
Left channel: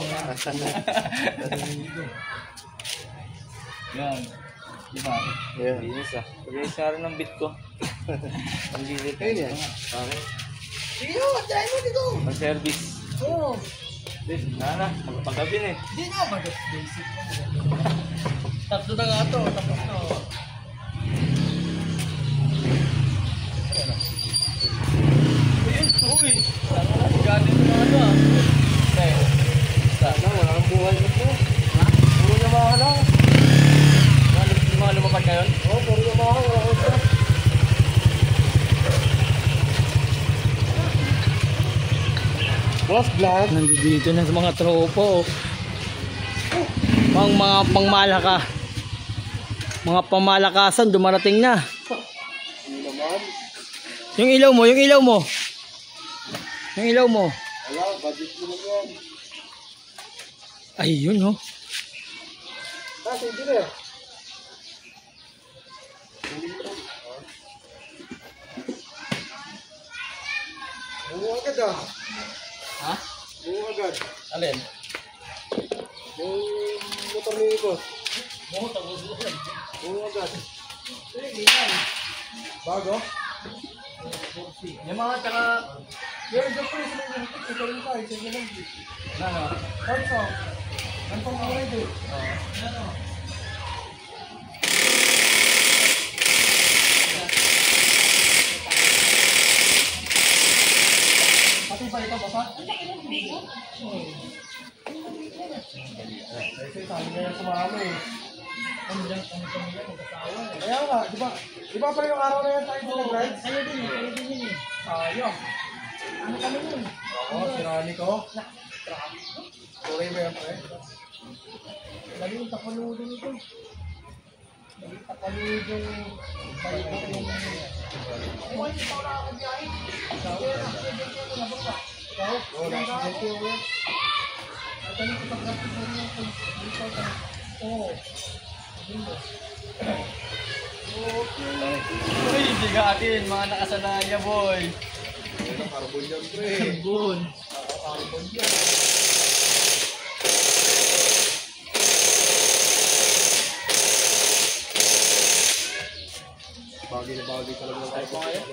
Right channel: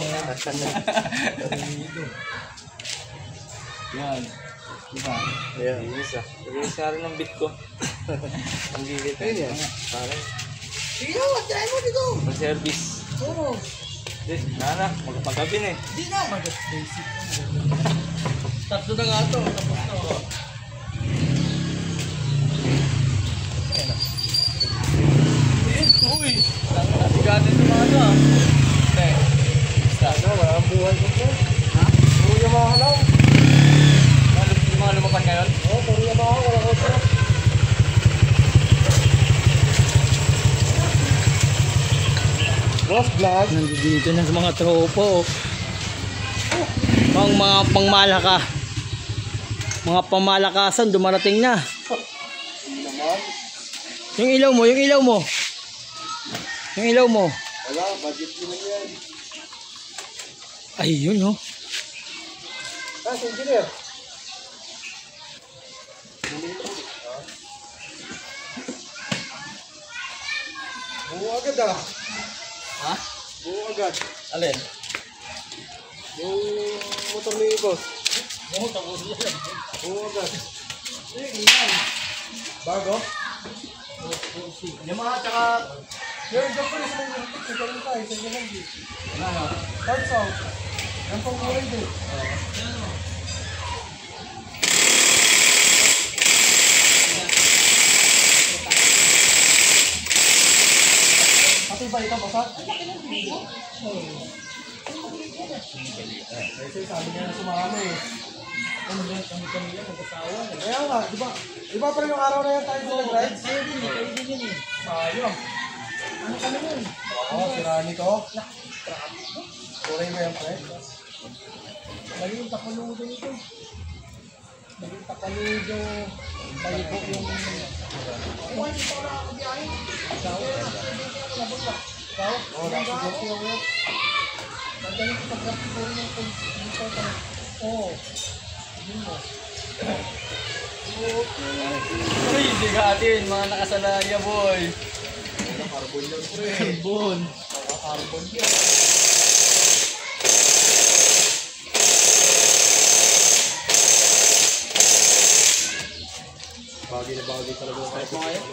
Yan. Diba? Ayan. Linis ah. Linis nga rin ang bit ko. Ang lilit. Ayun yan. Okay. Dito, try mo dito. Mag-service. Oo. Nana, magpagabi na eh. Di na, basic. Tatlo na nga ito, tapos na. Uy! Saan na? Sigatin yung mga ano ah. Pre. Saan na? Wala kang buhay mo po. Ha? Puro yung mga lang. Yung mga lumapad ngayon? Oo, puro yung mga wala ko sila. Boss, vlog. Nandito na sa mga tropo. Mga pangmalaka. Mga pamalakasan dumarating na. Yung ilaw mo, yung ilaw mo. Yung ilaw mo. Wala, budget mo lang yan. Ayun oh. Ah, si engineer. Buo agad ah. Ha? Buo agad. Alin? Yung motor ni boss. Buo agad. Bago? Yung mga tsaka... Yan, dyan ko rin sa mga hapit. Ito rin tayo, sa inyo lang di. Ano? Kahit sa, ang pang-away di. Pati ba ito, basa? Kasi sabi niya na sumami eh. Ano dyan, kami yan, magkasawa. Kaya nga, di ba pa yung araw na yan tayo sa nag-rides? Kayo din yun eh. Sayang. Ano kami yun? Oo, si Rani ko. Tuloy mo yan, pre. Lagi yung takaludo nito. Lagi yung takaludo. Tayo po yung oo, nasa dito yung yan. Magaling ko pag-graphic ko rin yung dito. Oo. Uy, hindi ka atin, mga nakasalaya boy. Carbon yan, pre. Carbon. Carbon yan. Bagay na bagay talaga ng Kahit mo ngayon?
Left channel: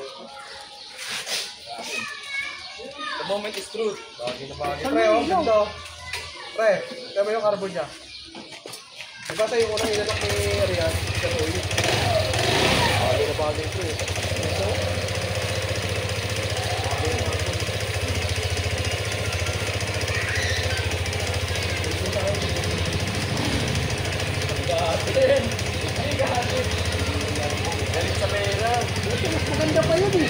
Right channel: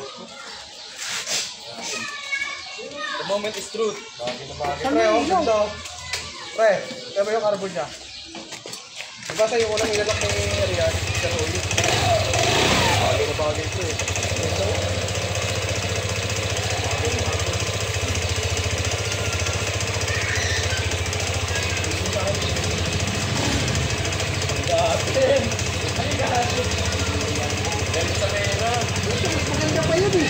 The moment is truth. bagay na bagay. Pre, oh, ganda. Pre, kaya ba yung carbon niya? Diba sa'yo unang ilalak ni Rian? Sa oil. Bagay na bagay, pre. Gatin! Ay, gatin! Galit sa pera. Maganda pa yun eh.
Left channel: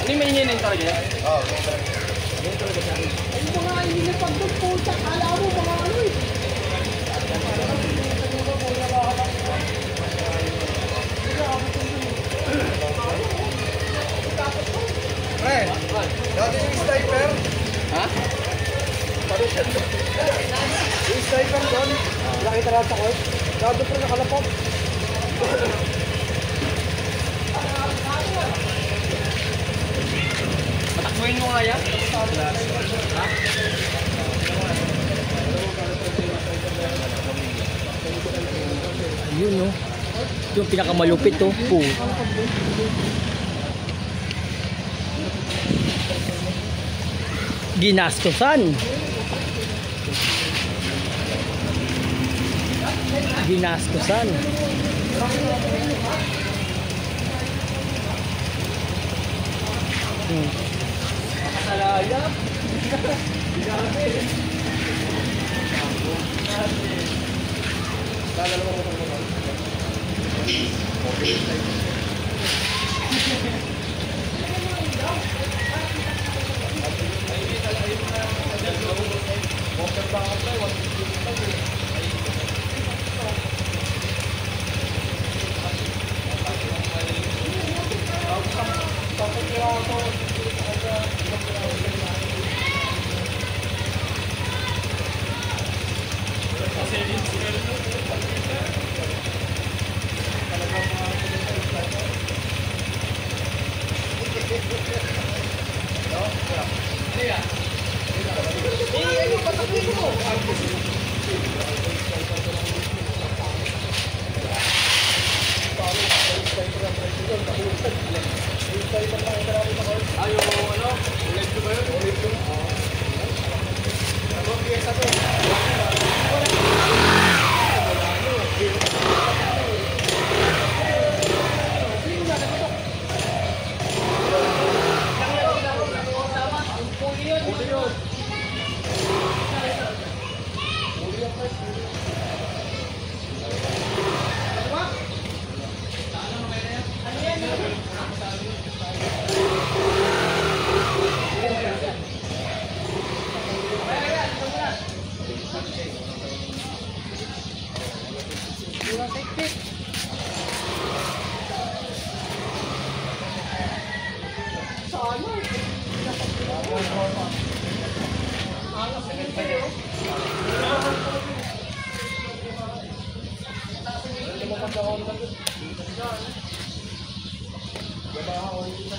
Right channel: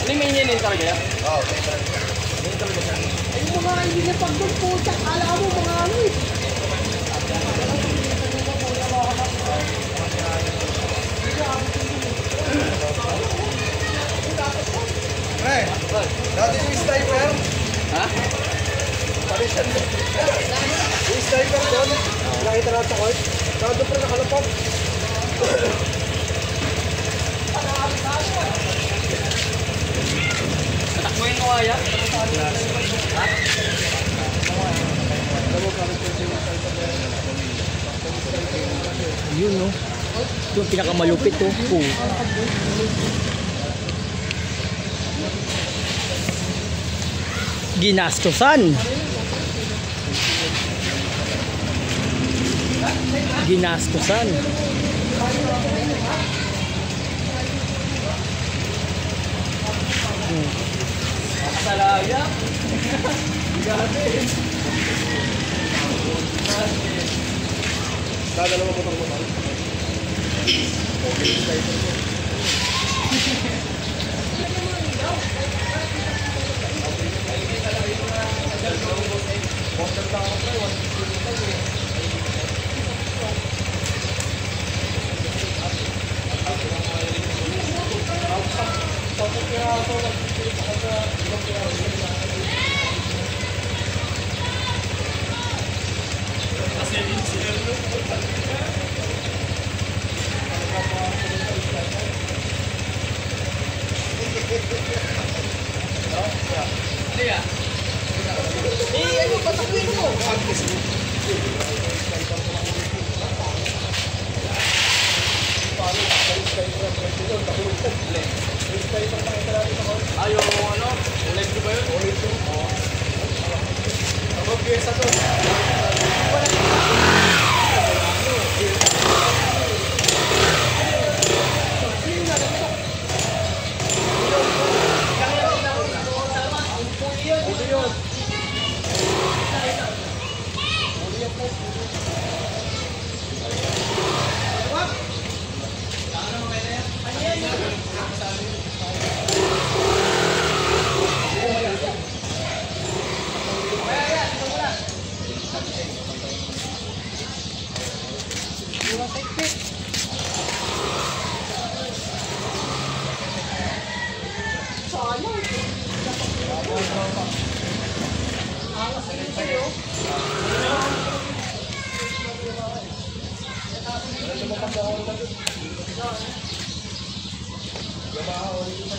Ano yung maininin talaga yan? Oo, okay talaga. Ay mga hindi na pagdugputak. Kala mo mga ano eh. Pre, dati yung sniper. Ha? Paano siya? Yung sniper doon, nakita natin sa court. Nado pre nakalapag. Patakbuhin mo kaya? Ha? Ayun no. Yung pinakamalupit to. Oh. Ginastosan. Ginastosan. Dadalawa mo pag naman.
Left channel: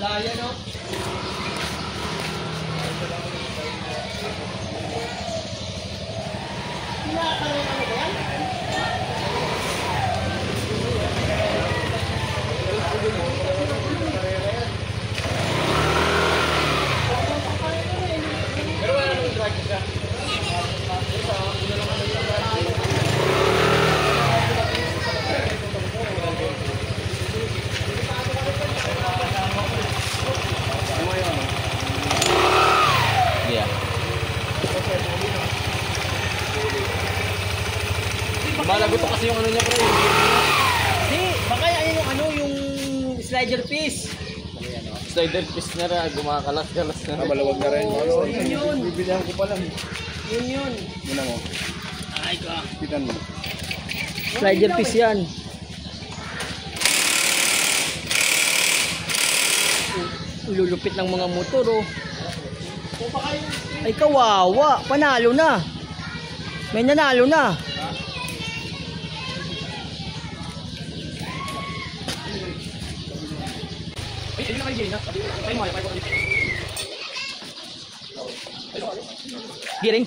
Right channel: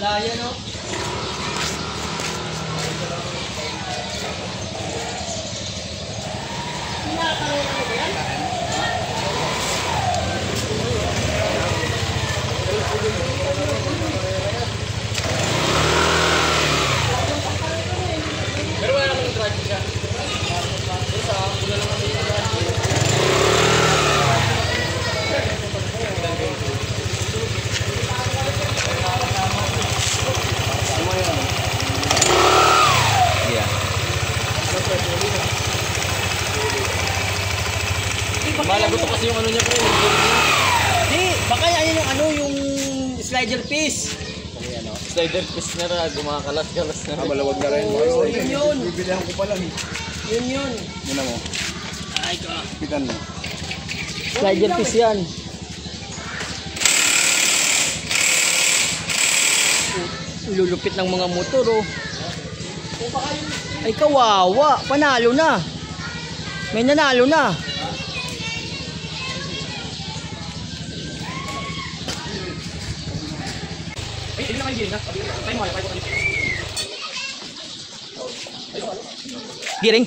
Malaya, no? Yeah. Malagot kasi yung ano niya po. Di, baka yan yung ano, yung slider piece. Slider piece na rin, gumakalas-galas na rin. Maluwag na rin. Yun. Bibilang ko pa lang. Yun. Yun na mo. Ay ko. Pikan mo. Slider piece yan. Lulupit ng mga motor, oh. Ay kawawa, panalo na. May nanalo na. Giring.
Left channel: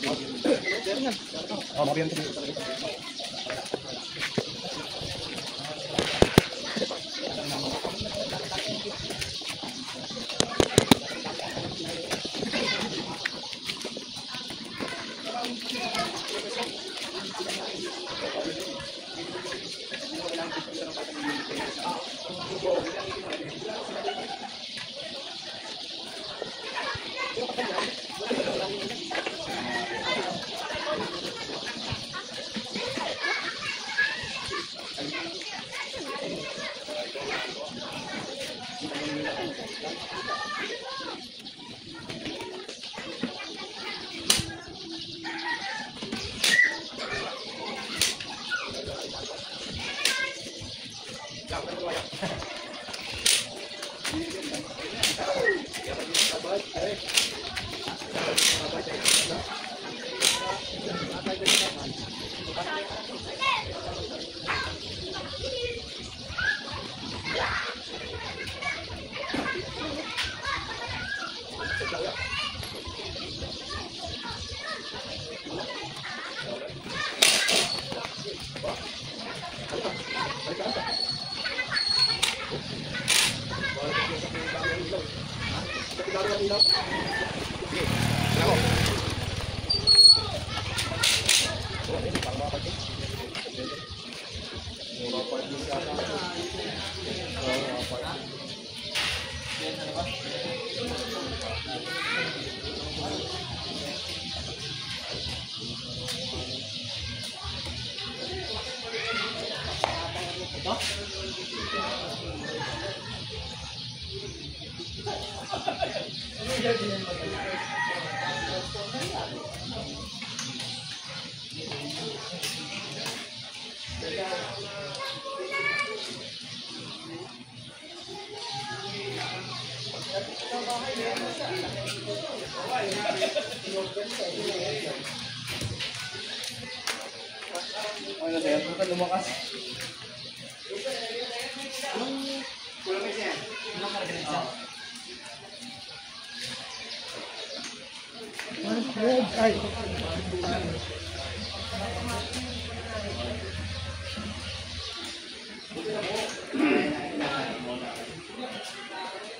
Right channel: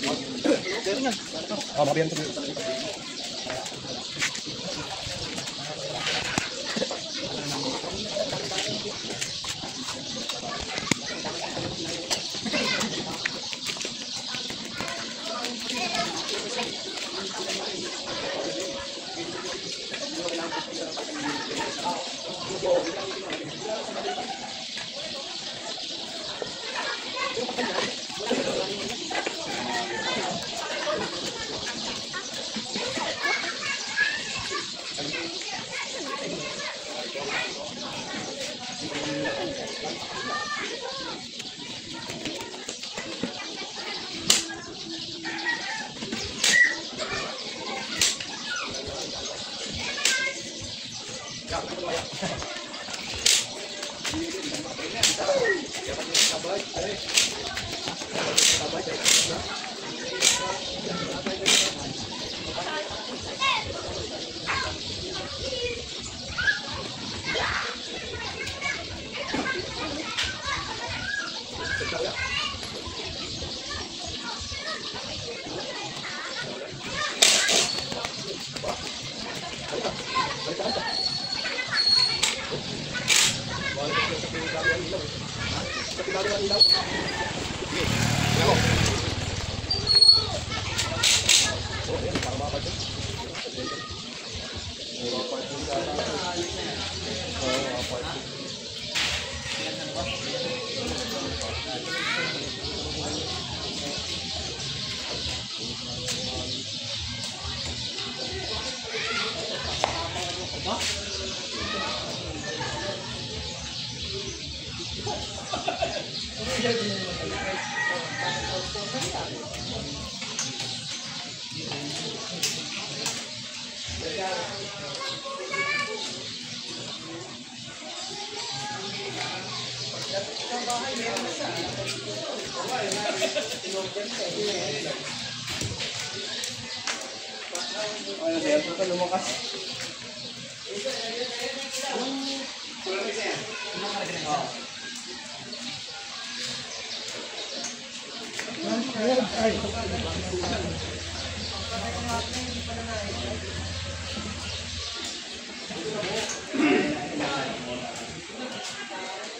Oh, mabiyan to.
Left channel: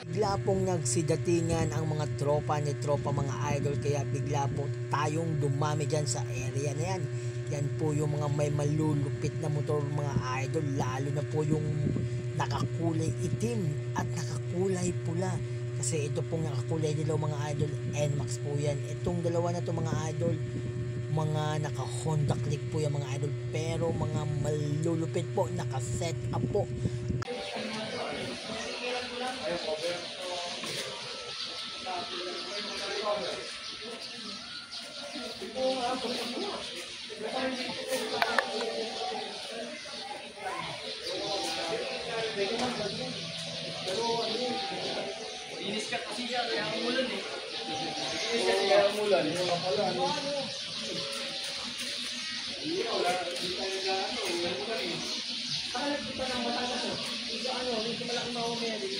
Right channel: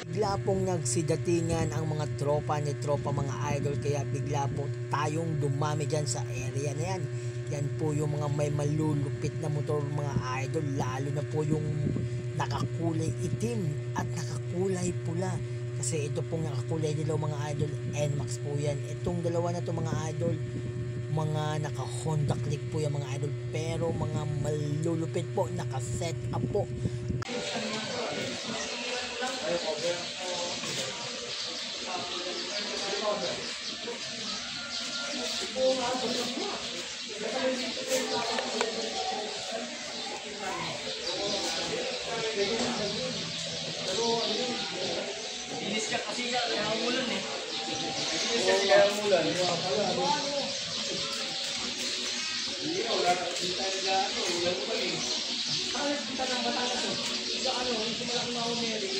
Bigla pong nagsidatingan ang mga tropa ni tropa mga idol, kaya bigla po tayong dumami dyan sa area na yan. Yan po yung mga may malulupit na motor mga idol, lalo na po yung nakakulay itim at nakakulay pula. Kasi ito pong nakakulay dilaw mga idol, NMAX po yan. Itong dalawa na to mga idol, mga naka Honda Click po yung mga idol, pero mga malulupit po, naka set up po. Linis siya kasi siya, kaya umulan eh. Kaya mulan. Hindi na, wala na. Hindi tayo nag-ano. Ulan mo lang eh. Saka nagpunta ng Batangas oh. Isa ano, yung malaking Mama Mary.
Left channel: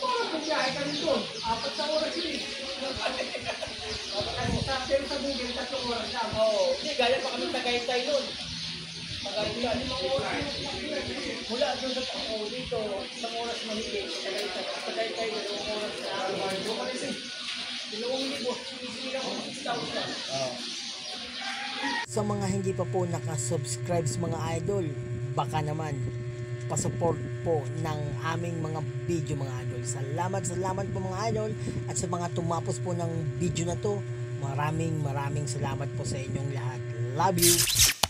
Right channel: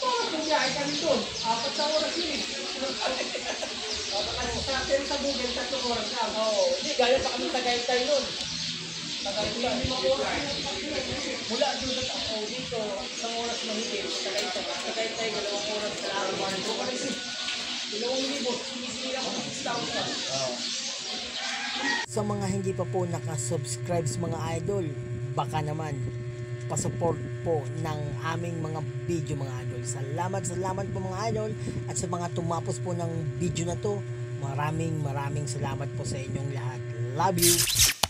Parang bumiyahe kami doon. 4 na oras yun eh. Pero sa Google, 3 oras lang. Oo. Hindi, gaya pa kami Tagaytay noon. Tagaytay. 5 oras. Mula doon sa tao dito, 1 oras mahigit. Tagaytay. Tagaytay, 2 oras na araw. Doon pa rin eh. 2,000. Sinisili ako ng 6,000. Sa mga hindi pa po nakasubscribe mga idol, baka naman pasupport po ng aming mga video mga idol. Salamat po mga idol, at sa mga tumapos po ng video na to, maraming salamat po sa inyong lahat. Love you!